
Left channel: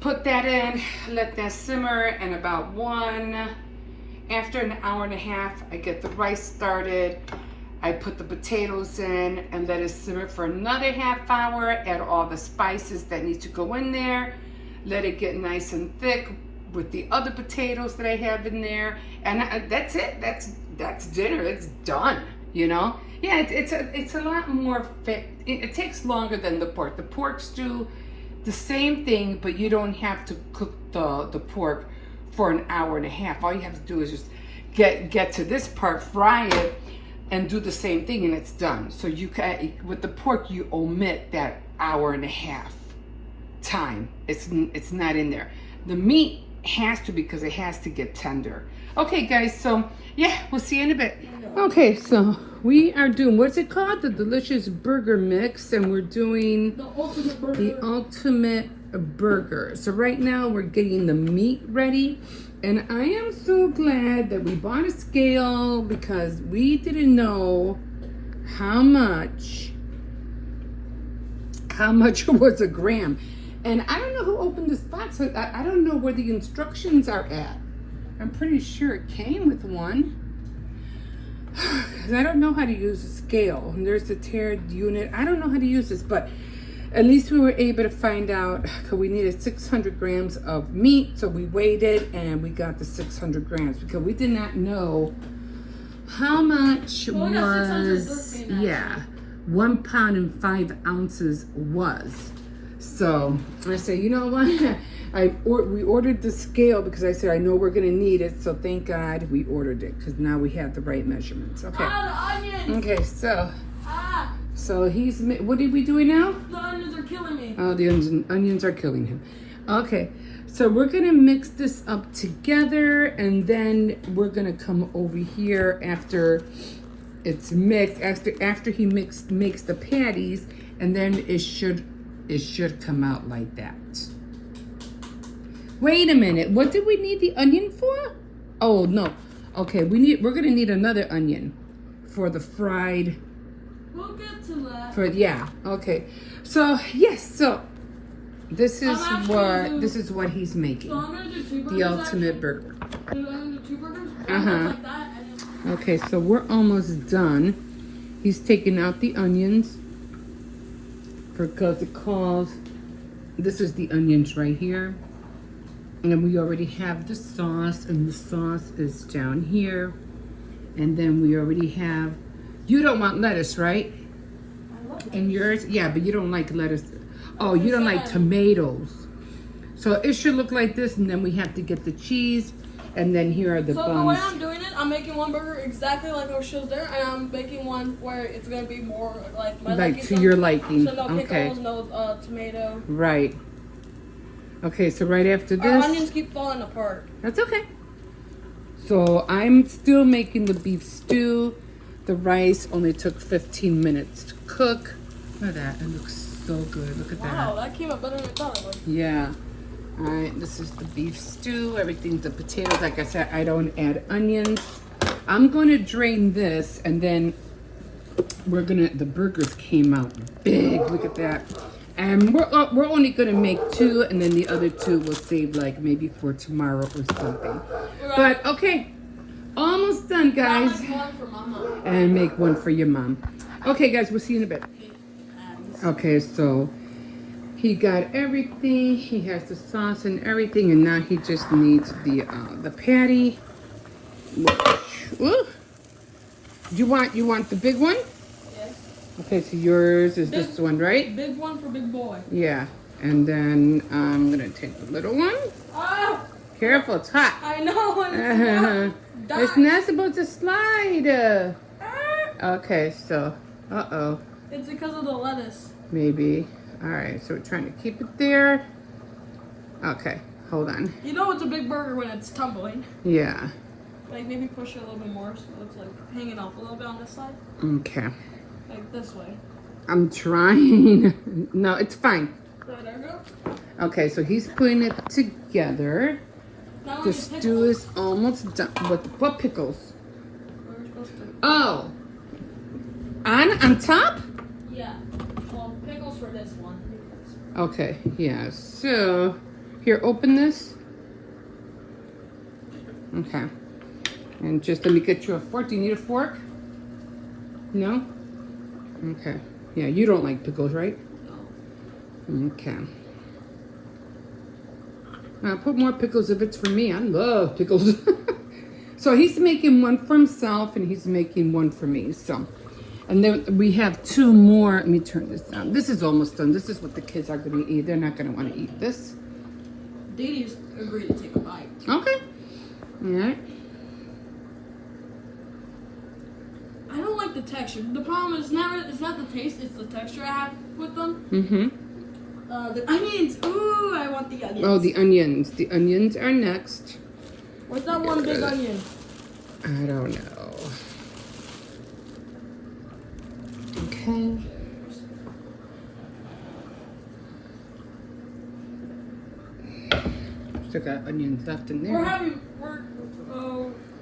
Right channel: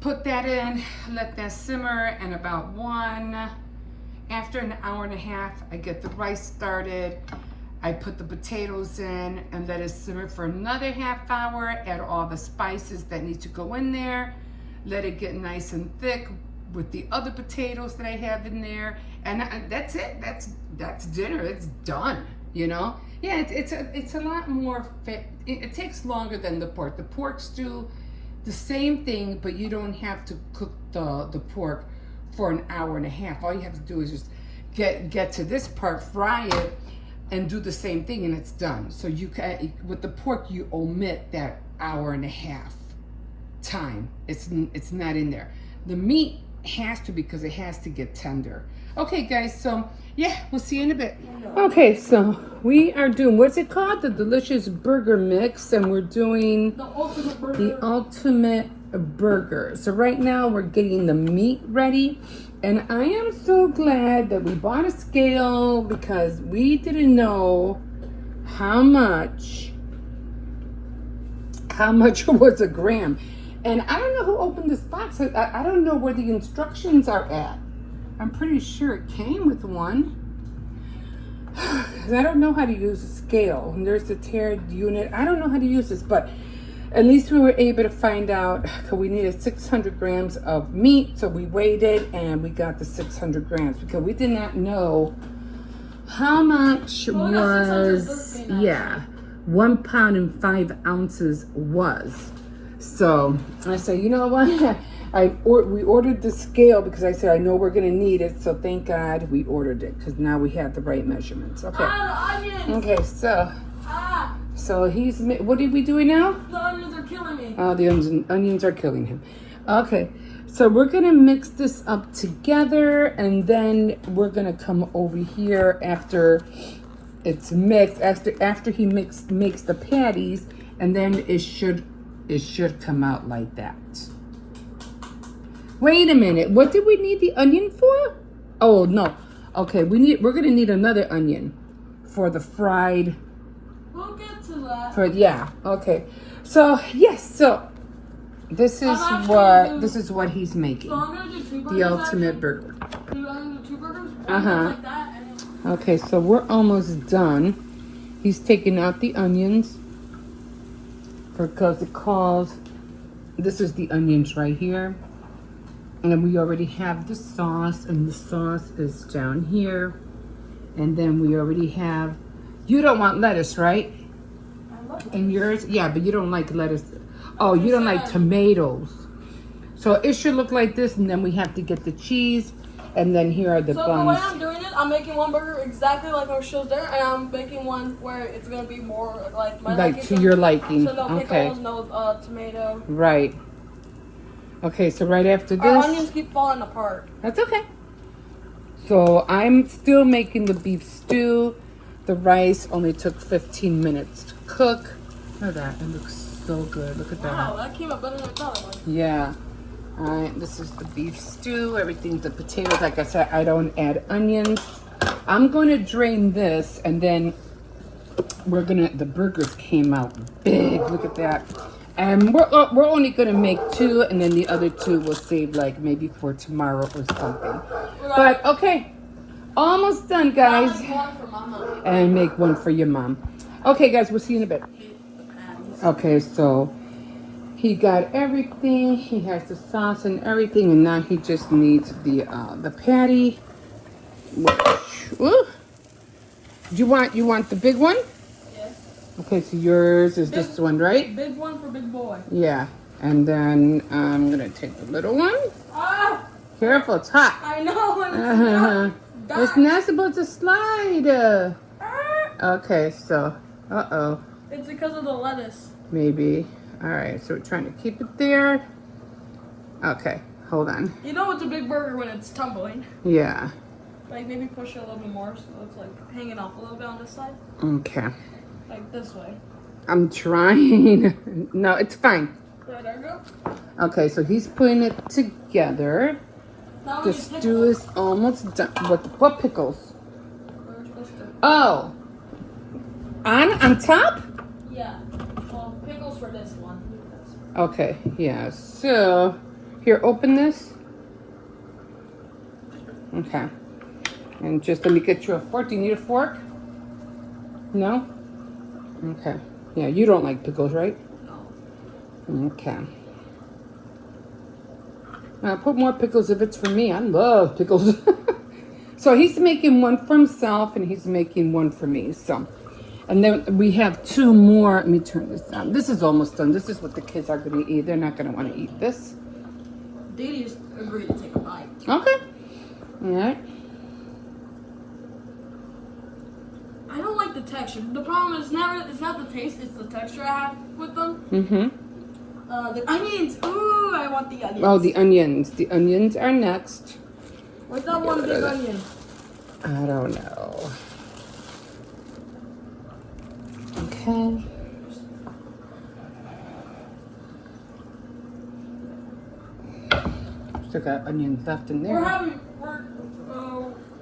Put that in, let that simmer, and about after an hour and a half, I get the rice started. I put the potatoes in and let it simmer for another half hour. Add all the spices that need to go in there. Let it get nice and thick with the other potatoes that I have in there. And that's it. That's dinner. It's done, you know? Yeah, it's a lot more fit. It takes longer than the pork. The pork stew, the same thing, but you don't have to cook the pork for an hour and a half. All you have to do is just get to this part, fry it, and do the same thing, and it's done. So you can, with the pork, you omit that hour and a half time. It's not in there. The meat has to, because it has to get tender. Okay, guys, so yeah, we'll see you in a bit. Okay, so we are doing, what's it called? The delicious burger mix, and we're doing the ultimate burger. The ultimate burger. So right now we're getting the meat ready, and I am so glad that we bought a scale because we didn't know how much was a gram. And I don't know who opened this box. I don't know where the instructions are at. I'm pretty sure it came with one. I don't know how to use a scale. And there's the tiered unit. I don't know how to use this, but at least we were able to find out, because we needed 600 grams of meat. So we weighed it and we got the 600 grams because we did not know how much was, yeah, 1 pound and 5 ounces was. So I said, you know what? We ordered the scale because I said, I know we're going to need it. So thank God we ordered it because now we have the right measurements. Okay. Ah, the onions. Okay, so. So what are we doing now? The onions are killing me. Oh, the onions are killing him. Okay, so we're going to mix this up together, and then we're going to come over here after it's mixed, after he makes the patties, and then it should come out like that. Wait a minute, what did we need the onion for? Oh, no. Okay, we're going to need another onion for the fried. We'll get to that. Yeah, okay. So, yes, so this is what he's making. So I'm gonna do 2 burgers. The ultimate burger. I'm gonna do 2 burgers. Like that, and okay, so we're almost done. He's taking out the onions because this is the onions right here. And we already have the sauce, and the sauce is down here. And then we already have, you don't want lettuce, right? In yours? Yeah, but you don't like lettuce. Oh, you don't like tomatoes. So it should look like this, and then we have to get the cheese, and then here are the buns. So the way I'm doing it, I'm making one burger exactly like our shows there, and I'm making one where it's gonna be more like my liking. To your liking. So no pickles, no tomato. Right. Okay, so right after this, our onions keep falling apart. That's okay. So I'm still making the beef stew. The rice only took 15 minutes to cook. Look at that. It looks so good. Look at that. Wow, that came out better than I thought it would. Yeah. All right, this is the beef stew. Everything, the potatoes. Like I said, I don't add onions. I'm going to drain this, and then the burgers came out big. Look at that. And we're only going to make 2, and then the other 2 we'll save like maybe for tomorrow or something. But okay. Almost done, guys. I'll make one for my mom. And make one for your mom. Okay, guys, we'll see you in a bit. Okay, so he got everything. He has the sauce and everything, and now he just needs the patty. Ooh. You want the big one? Yes. Okay, so yours is this one, right? Big one for big boy. Yeah, and then I'm gonna take the little one. Ah! Careful, it's hot. I know. It's not supposed to slide. Okay, so, It's because of the lettuce. maybe. All right, so we're trying to keep it there. Okay, hold on. You know it's a big burger when it's tumbling. Yeah. Like maybe push it a little bit more so it's like hanging off a little bit on this side. Okay. Like this way. I'm trying. No, it's fine. There we go. Okay, so he's putting it together. Now The we stew is almost done. What pickles? We're supposed to. Oh. On top? Yeah. Well, pickles for this one. Okay, yeah. So, here, open this. Okay. And just let me get you a fork. Do you need a fork? No? Okay. Yeah, you don't like pickles, right? No. Okay. I'll put more pickles if it's for me. I love pickles. So he's making one for himself and he's making one for me. So, and then we have 2 more. Let me turn this down. This is almost done. This is what the kids are going to eat. They're not going to want to eat this. Dee just agreed to take a bite. Okay. All right. I don't like the texture. The problem is it's not the taste, it's the texture I have with them. Mm-hmm. The onions. Ooh, I want the onions. Oh, the onions. The onions are next. What's that one big onion? I don't know. Okay. Still got onions left in there.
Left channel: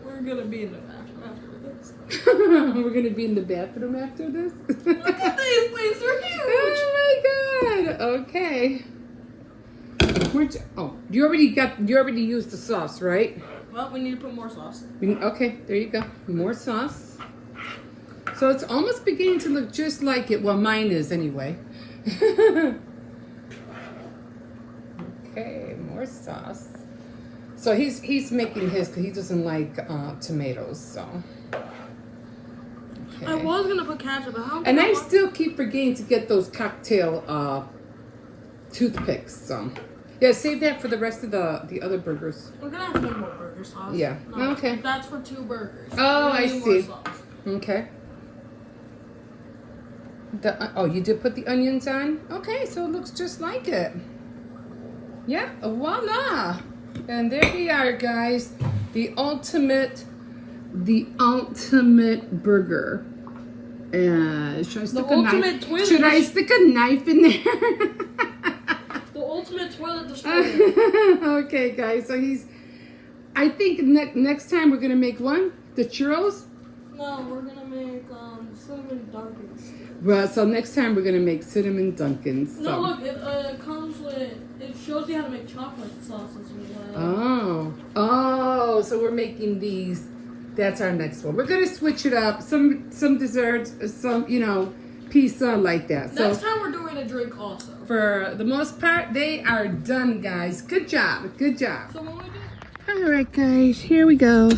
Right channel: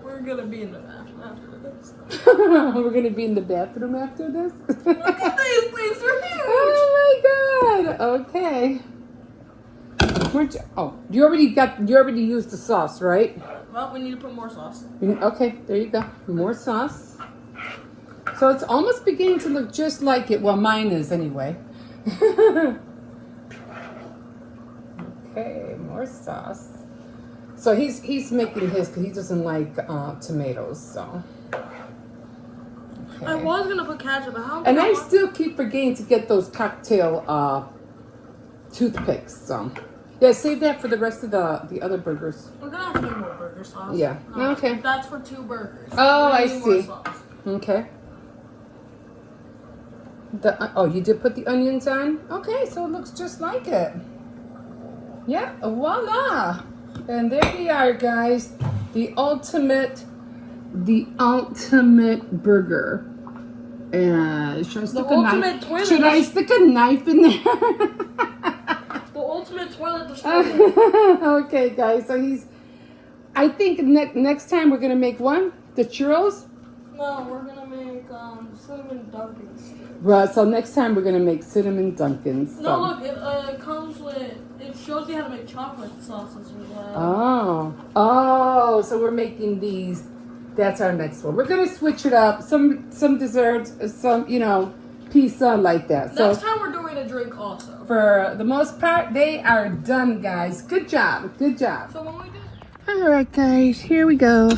We're gonna be in the bathroom after this. We're gonna be in the bathroom after this. Look at these things, they're huge. Oh my god. Okay. You already used the sauce, right? Well, we need to put more sauce. Okay, there you go. More sauce. So it's almost beginning to look just like it. Well, mine is anyway. Okay, more sauce. So he's making his because he doesn't like tomatoes. So. Okay. I was gonna put ketchup, but how? And I still keep forgetting to get those cocktail toothpicks. So. Yeah, save that for the rest of the other burgers. We're gonna have to make more burger sauce. Yeah. No, Okay. That's for 2 burgers. Oh, We're I gonna need more see. sauce. Okay. You did put the onions on? Okay, so it looks just like it. Yeah, voila. And there we are, guys. The ultimate burger. Should I stick a knife? Toilet. Should I stick a knife in there? The ultimate toilet destroyer. Okay, guys. So I think next time we're gonna make the churros. No, we're gonna make cinnamon Dunkins. Well, so next time we're gonna make cinnamon Dunkins. No, So. look, it comes with. It shows you how to make chocolate sauces as well. Oh, so we're making these. That's our next one. We're gonna switch it up. Some desserts, some pizza like that. Next So time we're doing a drink also. for the most part, they are done, guys. Good job. Good job. So when we do. All right, guys. Here we go.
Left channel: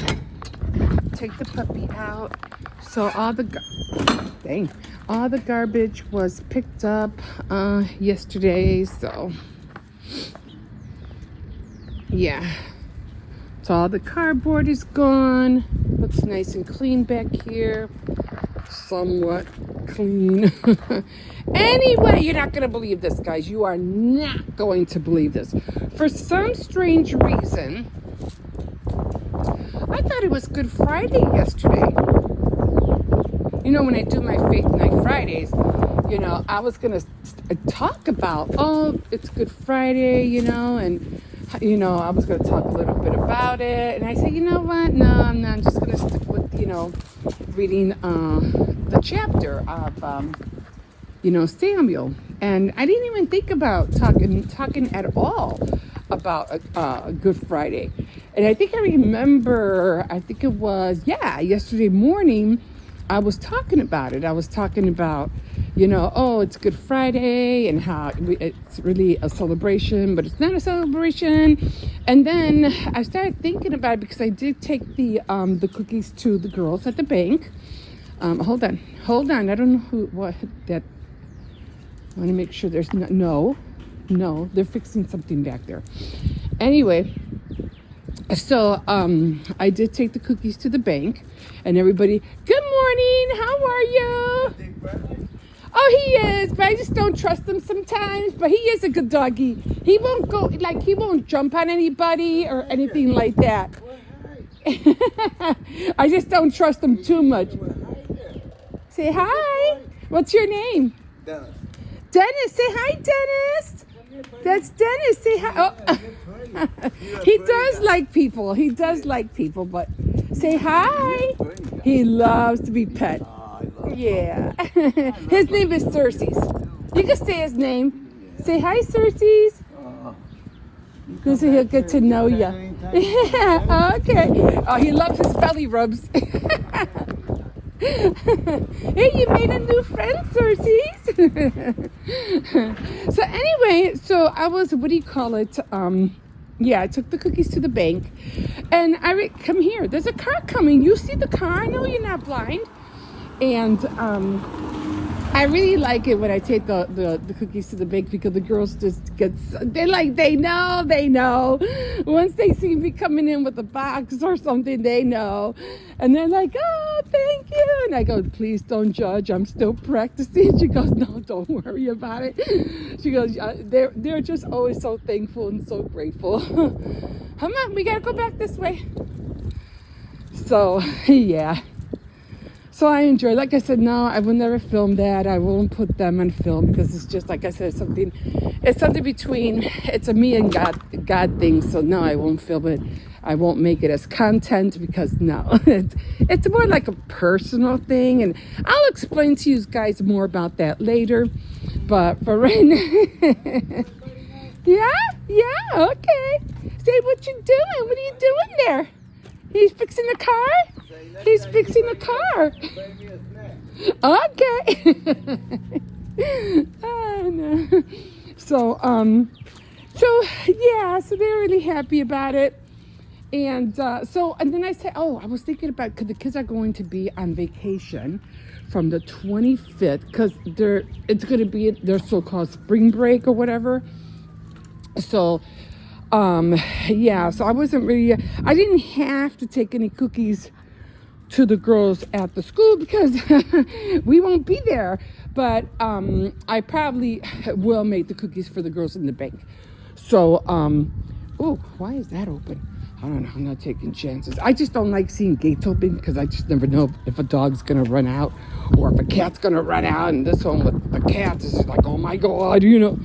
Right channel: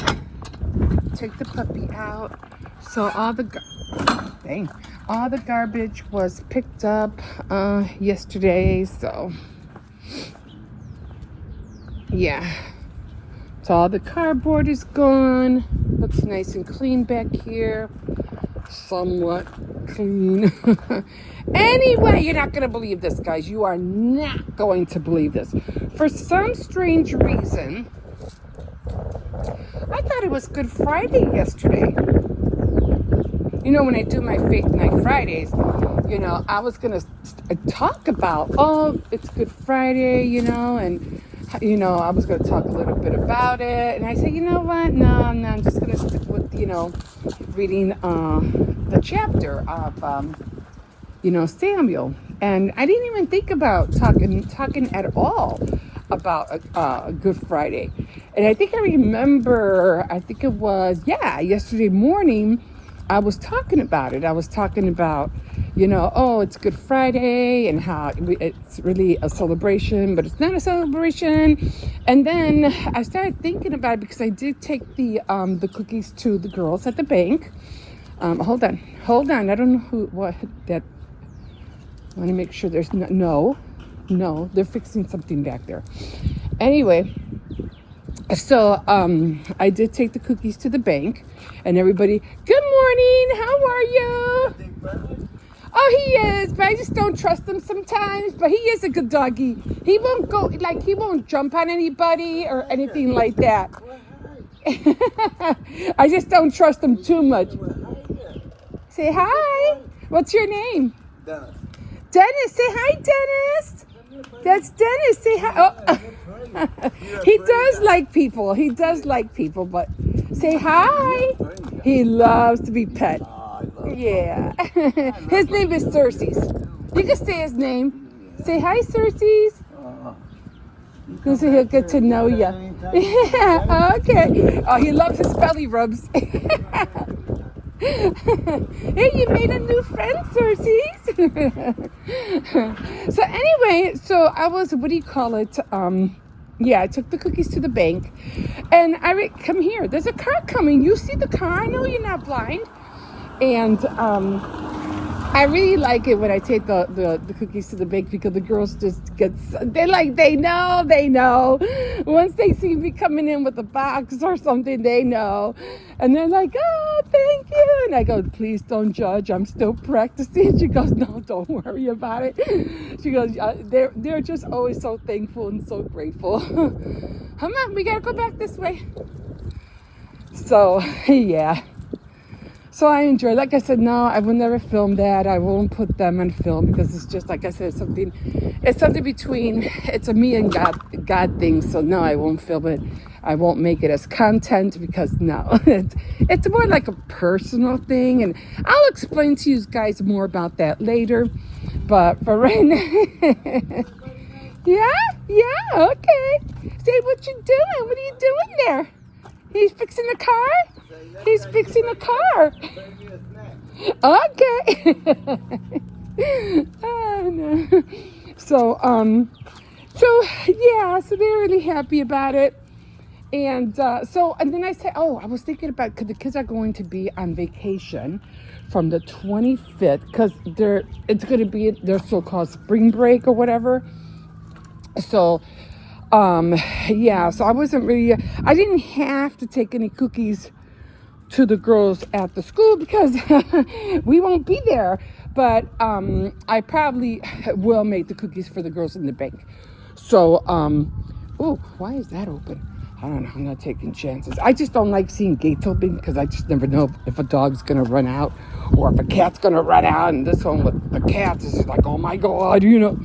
Take the puppy out. So all the garbage was picked up yesterday. So yeah. So all the cardboard is gone. Looks nice and clean back here. Somewhat clean. Anyway, you're not going to believe this, guys. You are not going to believe this. For some strange reason, I thought it was Good Friday yesterday. When I do my Faith Night Fridays, I was going to talk about, it's Good Friday, and I was going to talk a little bit about it. And I said, you know what? No, I'm just going to stick with, reading the chapter of, Samuel. And I didn't even think about talking at all about Good Friday. And I think I remember, it was, yesterday morning, I was talking about it. I was talking about, it's Good Friday and how it's really a celebration, but it's not a celebration. And then I started thinking about it because I did take the cookies to the girls at the bank. Hold on. I don't know I want to make sure there's no, they're fixing something back there. Anyway, so I did take the cookies to the bank, and everybody, good morning, how are you? Oh, he is, but I just don't trust him sometimes. But he is a good doggy. He won't go, like, he won't jump on anybody or anything like that. I just don't trust him too much. Say hi. What's your name? Dennis. Dennis. Say hi, Dennis. That's Dennis. Say hi. Oh. He does like people. He does like people, but say hi. He loves to be pet. Yeah. His name is Cersei's. You can say his name. Say hi, Cersei's. Because he'll get to know you. Yeah, okay. Oh, he loves his belly rubs. Hey, you made a new friend, Cersei's. So anyway, so I was, what do you call it? Yeah, I took the cookies to the bank. And come here. There's a car coming. You see the car? I know you're not blind. And I really like it when I take the cookies to the bank because the girls just they know. Once they see me coming in with a box or something, they know. And they're like, oh, thank you. And I go, please don't judge. I'm still practicing. She goes, no, don't worry about it. She goes, they're just always so thankful and so grateful. Come on, we got to go back this way. So, yeah. So I enjoy, like I said, no, I will never film that. I won't put them on film because it's just, like I said, it's something between, it's a me and God thing. So no, I won't film it. I won't make it as content because no, it's more like a personal thing. And I'll explain to you guys more about that later. But for right now, yeah, okay. Say what you doing. What are you doing there? He's fixing the car? He's fixing the car. Okay. Oh, no. So yeah, so they're really happy about it. And and then I said, oh, I was thinking about, because the kids are going to be on vacation from the 25th, because it's going to be their so-called spring break or whatever. So, yeah, so I didn't have to take any cookies to the girls at the school because we won't be there. But I probably will make the cookies for the girls in the bank. So, oh, why is that open? I don't know. I'm not taking chances. I just don't like seeing gates open because I just never know if a dog's going to run out or if a cat's going to run out. And this one with the cats is just like, oh my God, you know.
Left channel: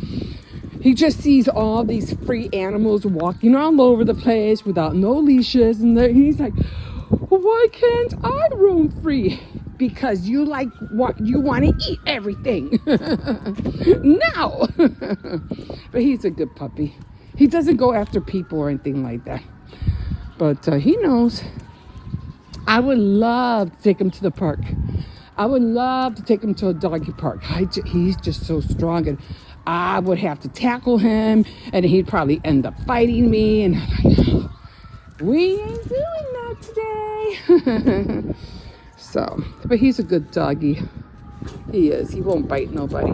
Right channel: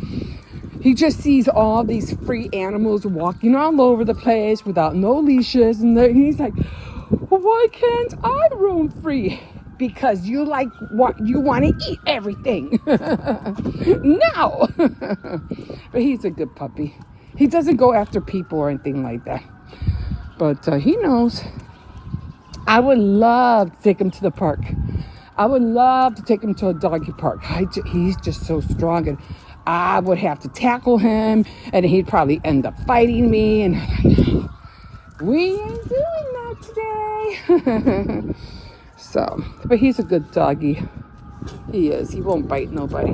He just sees all these free animals walking all over the place without no leashes. And he's like, why can't I roam free? Because you want to eat everything. No. But he's a good puppy. He doesn't go after people or anything like that. But he knows. I would love to take him to the park. I would love to take him to a doggy park. He's just so strong, and I would have to tackle him, and he'd probably end up fighting me. And no, we ain't doing that today. So, but he's a good doggy. He is. He won't bite nobody.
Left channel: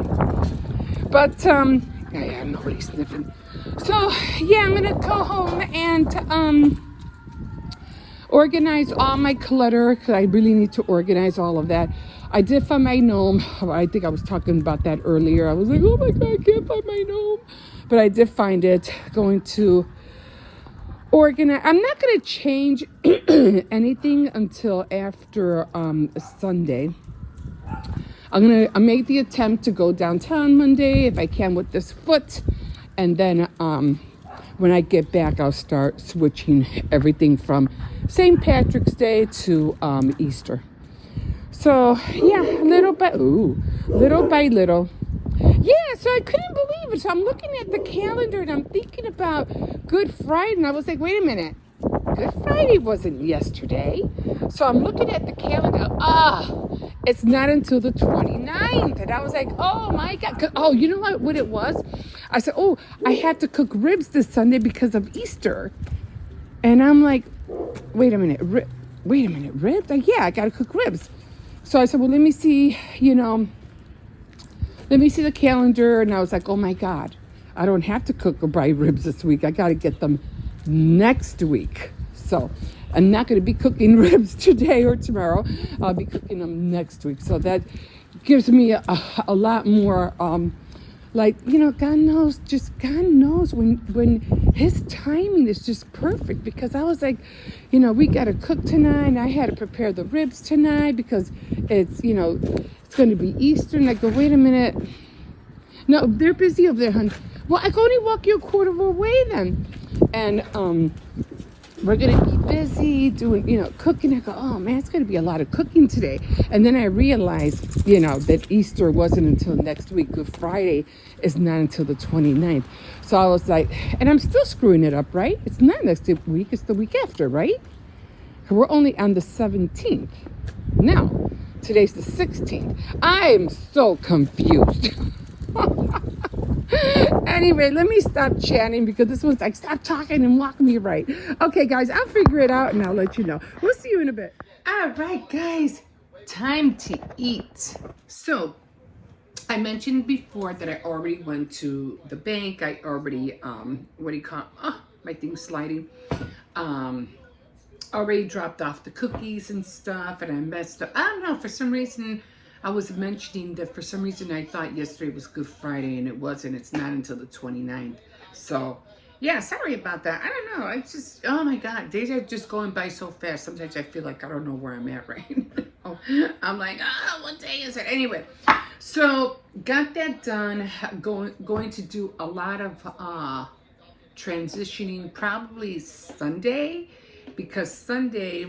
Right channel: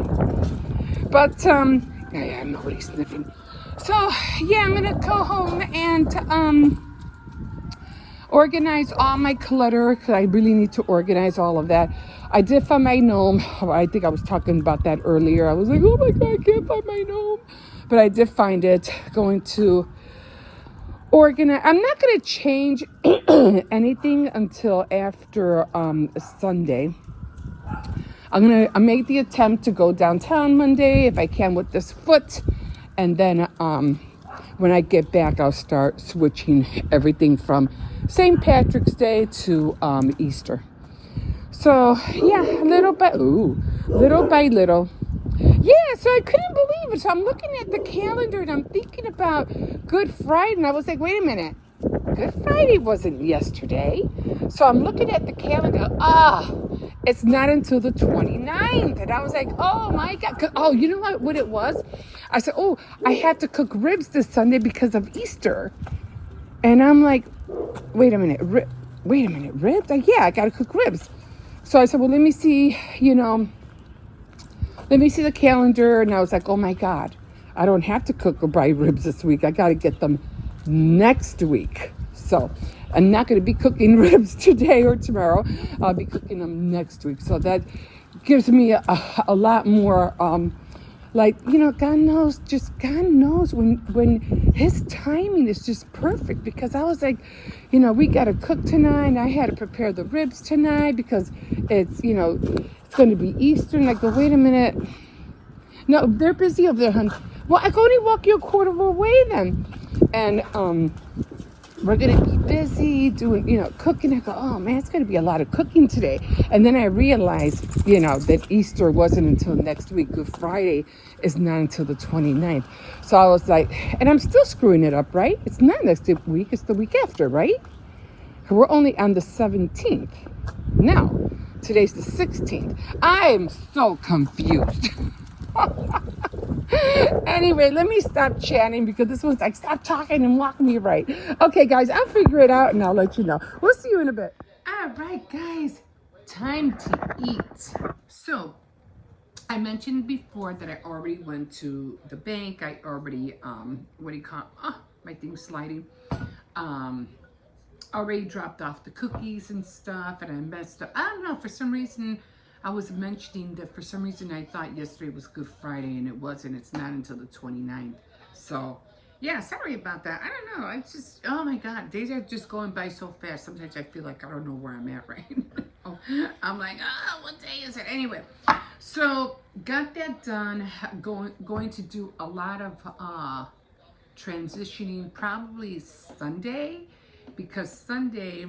But yeah, nobody's sniffing. So yeah, I'm gonna go home and organize all my clutter because I really need to organize all of that. I did find my gnome. I think I was talking about that earlier. I was like, oh my God, I can't find my gnome. But I did find it. Going to organize. I'm not going to change anything until after Sunday. I make the attempt to go downtown Monday if I can with this foot. And then when I get back, I'll start switching everything from St. Patrick's Day to Easter. So yeah, little by little. Yeah, so I couldn't believe it. So I'm looking at the calendar and I'm thinking about Good Friday, and I was like, wait a minute, Good Friday wasn't yesterday. So I'm looking at the calendar. It's not until the 29th. And I was like, oh my God. Oh, you know what it was? I said, oh, I had to cook ribs this Sunday because of Easter. And I'm like, wait a minute, ribs? Like, yeah, I got to cook ribs. So I said, well, let me see the calendar. And I was like, oh my God, I don't have to cook or buy ribs this week. I got to get them next week. So I'm not going to be cooking ribs today or tomorrow. I'll be cooking them next week. So that, gives me a lot more, like, you know, God knows, just God knows when his timing is just perfect. Because I was like, you know, we got to cook tonight, and I had to prepare the ribs tonight because it's, you know, it's going to be Easter. And I go, wait a minute. No, they're busy over there, hon. Well, I can only walk you a quarter of a way then. And we're gonna be busy doing, you know, cooking. I go, oh man, it's gonna be a lot of cooking today. And then I realized, you know, that Easter wasn't until next week. Good Friday is not until the 29th. So I was like, and I'm still screwing it up, right? It's not next week, it's the week after, right? We're only on the 17th. Now, today's the 16th. I am so confused. Anyway, let me stop chatting because this one's like, stop talking and walk me right. Okay, guys, I'll figure it out and I'll let you know. We'll see you in a bit. All right, guys, time to eat. So, I mentioned before that I already went to the bank. I already, what do you call it? Oh, my thing's sliding. Already dropped off the cookies and stuff, and I messed up. I don't know, for some reason, I was mentioning that for some reason I thought yesterday was Good Friday, and it wasn't. It's not until the 29th. So, yeah, sorry about that. I don't know. It's just, oh my God, days are just going by so fast. Sometimes I feel like I don't know where I'm at right now. I'm like, oh, what day is it? Anyway, so got that done. Going to do a lot of transitioning probably Sunday, because Sunday,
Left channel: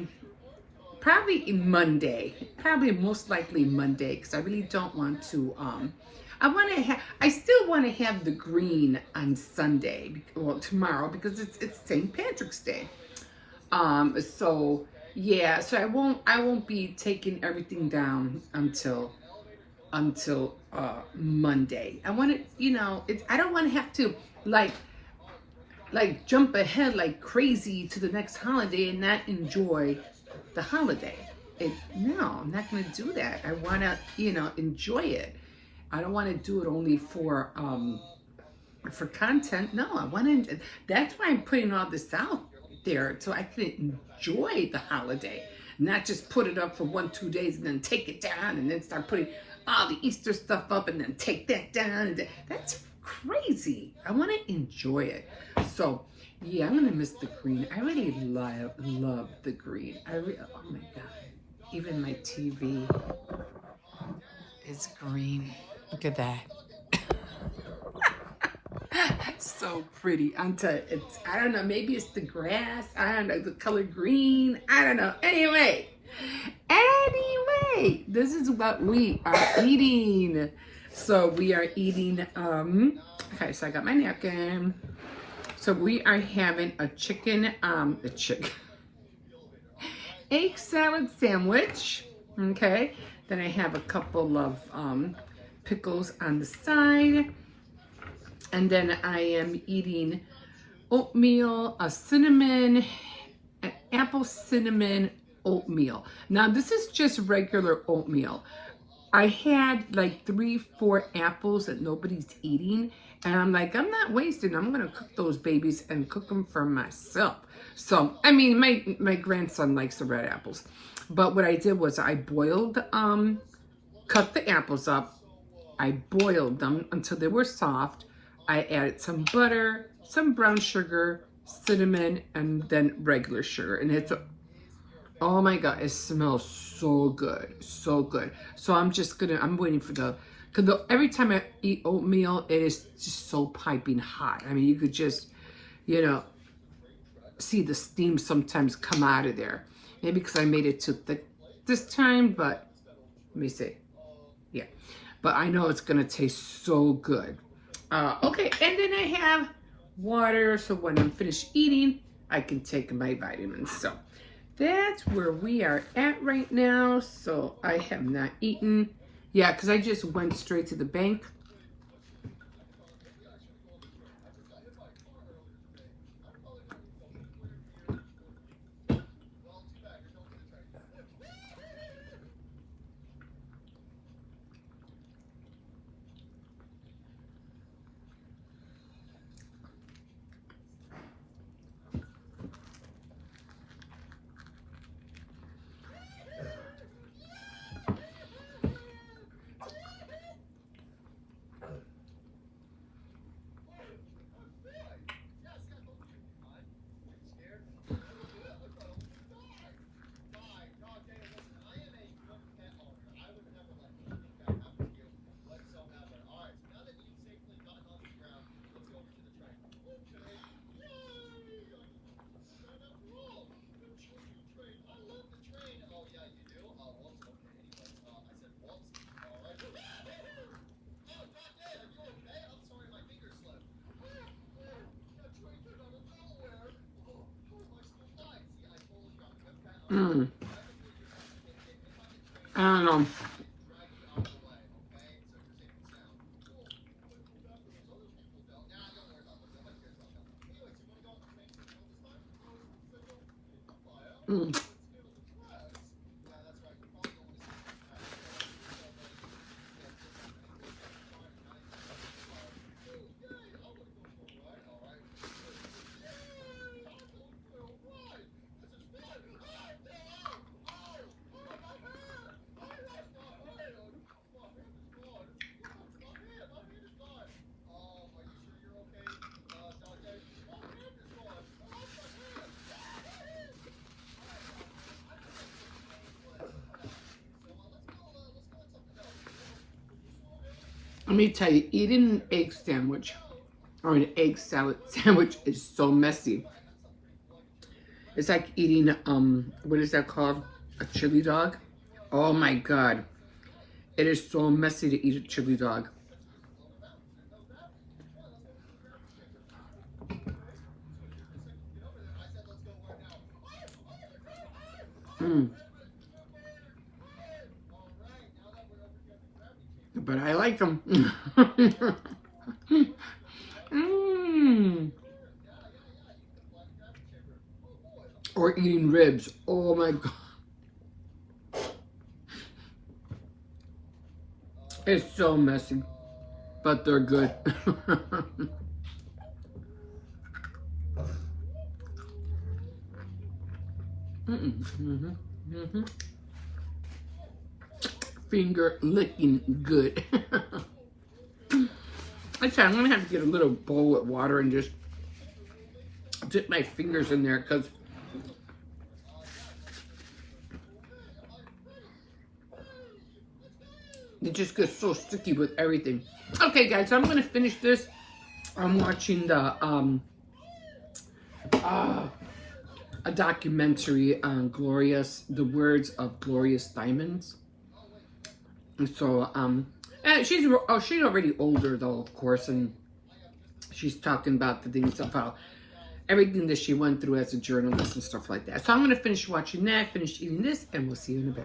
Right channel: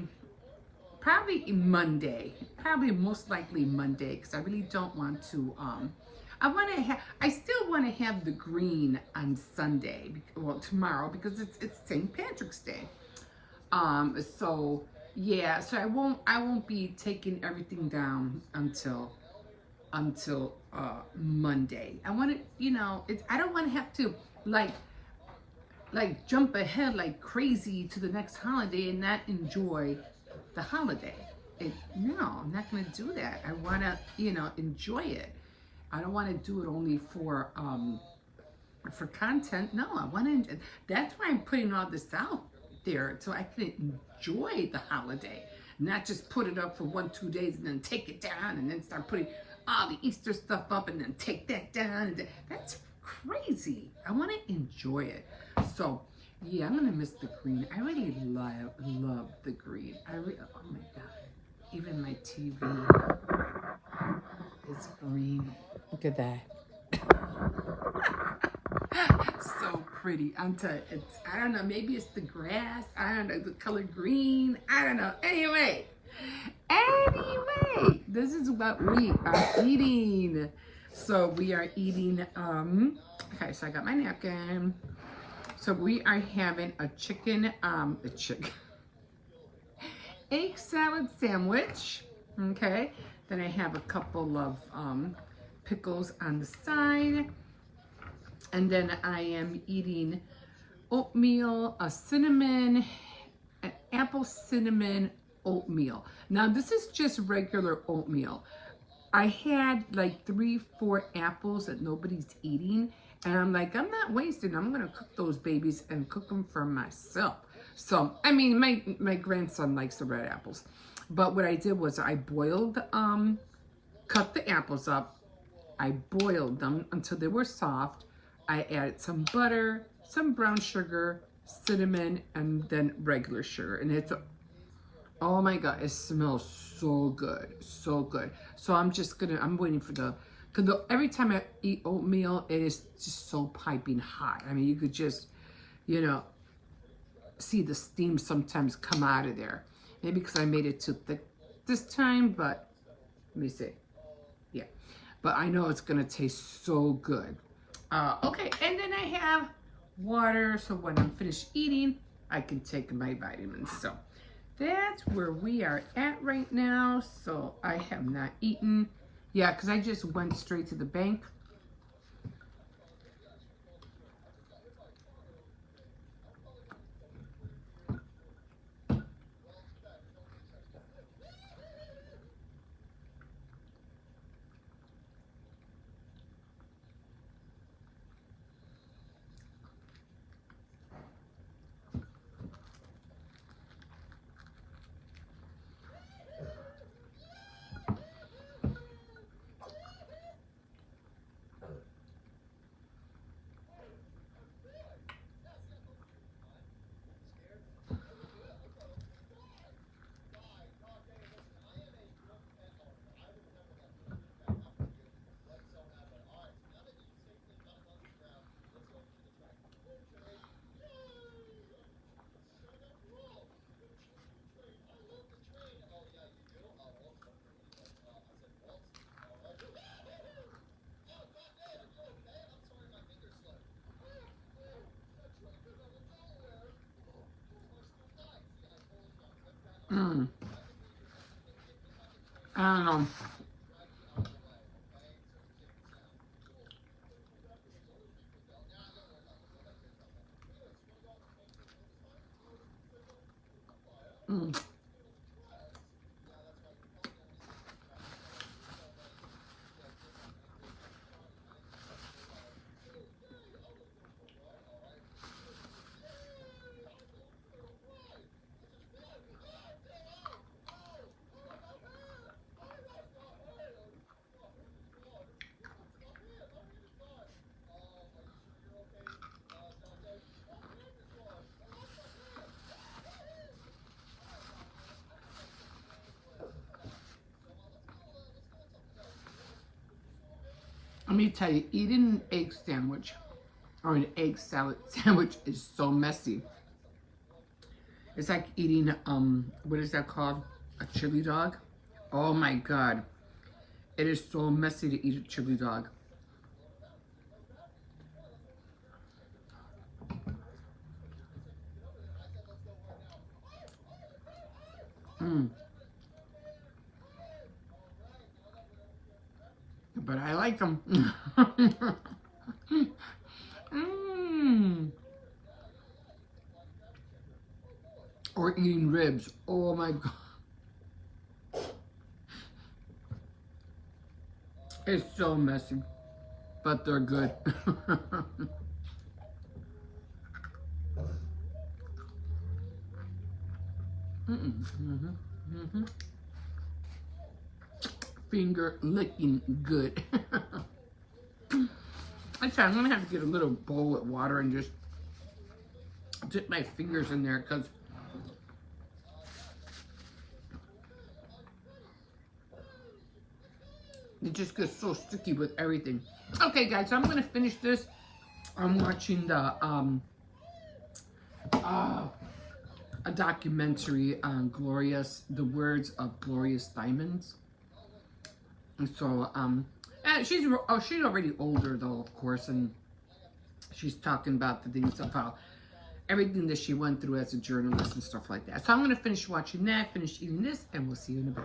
probably Monday, probably most likely Monday, because I really don't want to, I still want to have the green on Sunday, well, tomorrow, because it's St. Patrick's Day. So yeah, so I won't be taking everything down until Monday. I want to, you know, I don't want to have to like jump ahead like crazy to the next holiday and not enjoy the holiday. No, I'm not going to do that. I want to, you know, enjoy it. I don't want to do it only for content. No, I want to. That's why I'm putting all this out there, so I can enjoy the holiday, not just put it up for 1-2 days and then take it down and then start putting all the Easter stuff up and then take that down. And that's crazy. I want to enjoy it. So yeah, I'm gonna miss the green. I really love the green. Oh my God, even my TV is green. Look at that. So pretty. I'm telling you, I don't know, maybe it's the grass. I don't know, the color green. I don't know. Anyway, this is what we are eating. So we are eating, okay, so I got my napkin. So we are having a egg salad sandwich, okay? Then I have a couple of pickles on the side. And then I am eating oatmeal, an apple cinnamon oatmeal. Now this is just regular oatmeal. I had like 3-4 apples that nobody's eating, and I'm like, I'm not wasting. I'm gonna cook those babies and cook them for myself. So I mean, my grandson likes the red apples, but what I did was I boiled, cut the apples up. I boiled them until they were soft. I added some butter, some brown sugar, cinnamon, and then regular sugar. And it's, oh my God, it smells so good, so good. So I'm waiting for because every time I eat oatmeal, it is just so piping hot. I mean, you could just, you know, see the steam sometimes come out of there. Maybe because I made it too thick this time, but let me see. Yeah, but I know it's gonna taste so good. Okay, and then I have water, so when I'm finished eating, I can take my vitamins. So that's where we are at right now. So I have not eaten. Yeah, because I just went straight to the bank. Mm. I don't know. Mm. Let me tell you, eating an egg sandwich or an egg salad sandwich is so messy. It's like eating, what is that called? A chili dog? Oh my God. It is so messy to eat a chili dog. Mm. But I like them. Mm. Or eating ribs. Oh my God. It's so messy, but they're good. Finger licking good. Actually, I'm gonna have to get a little bowl with water and just dip my fingers in there because it just gets so sticky with everything. Okay, guys, so I'm gonna finish this. I'm watching the a documentary on the words of Glorious Diamonds. And so and she's already older though, of course, and she's talking about the things about everything that she went through as a journalist and stuff like that. So I'm gonna finish watching that, finish eating this, and we'll see you in a bit.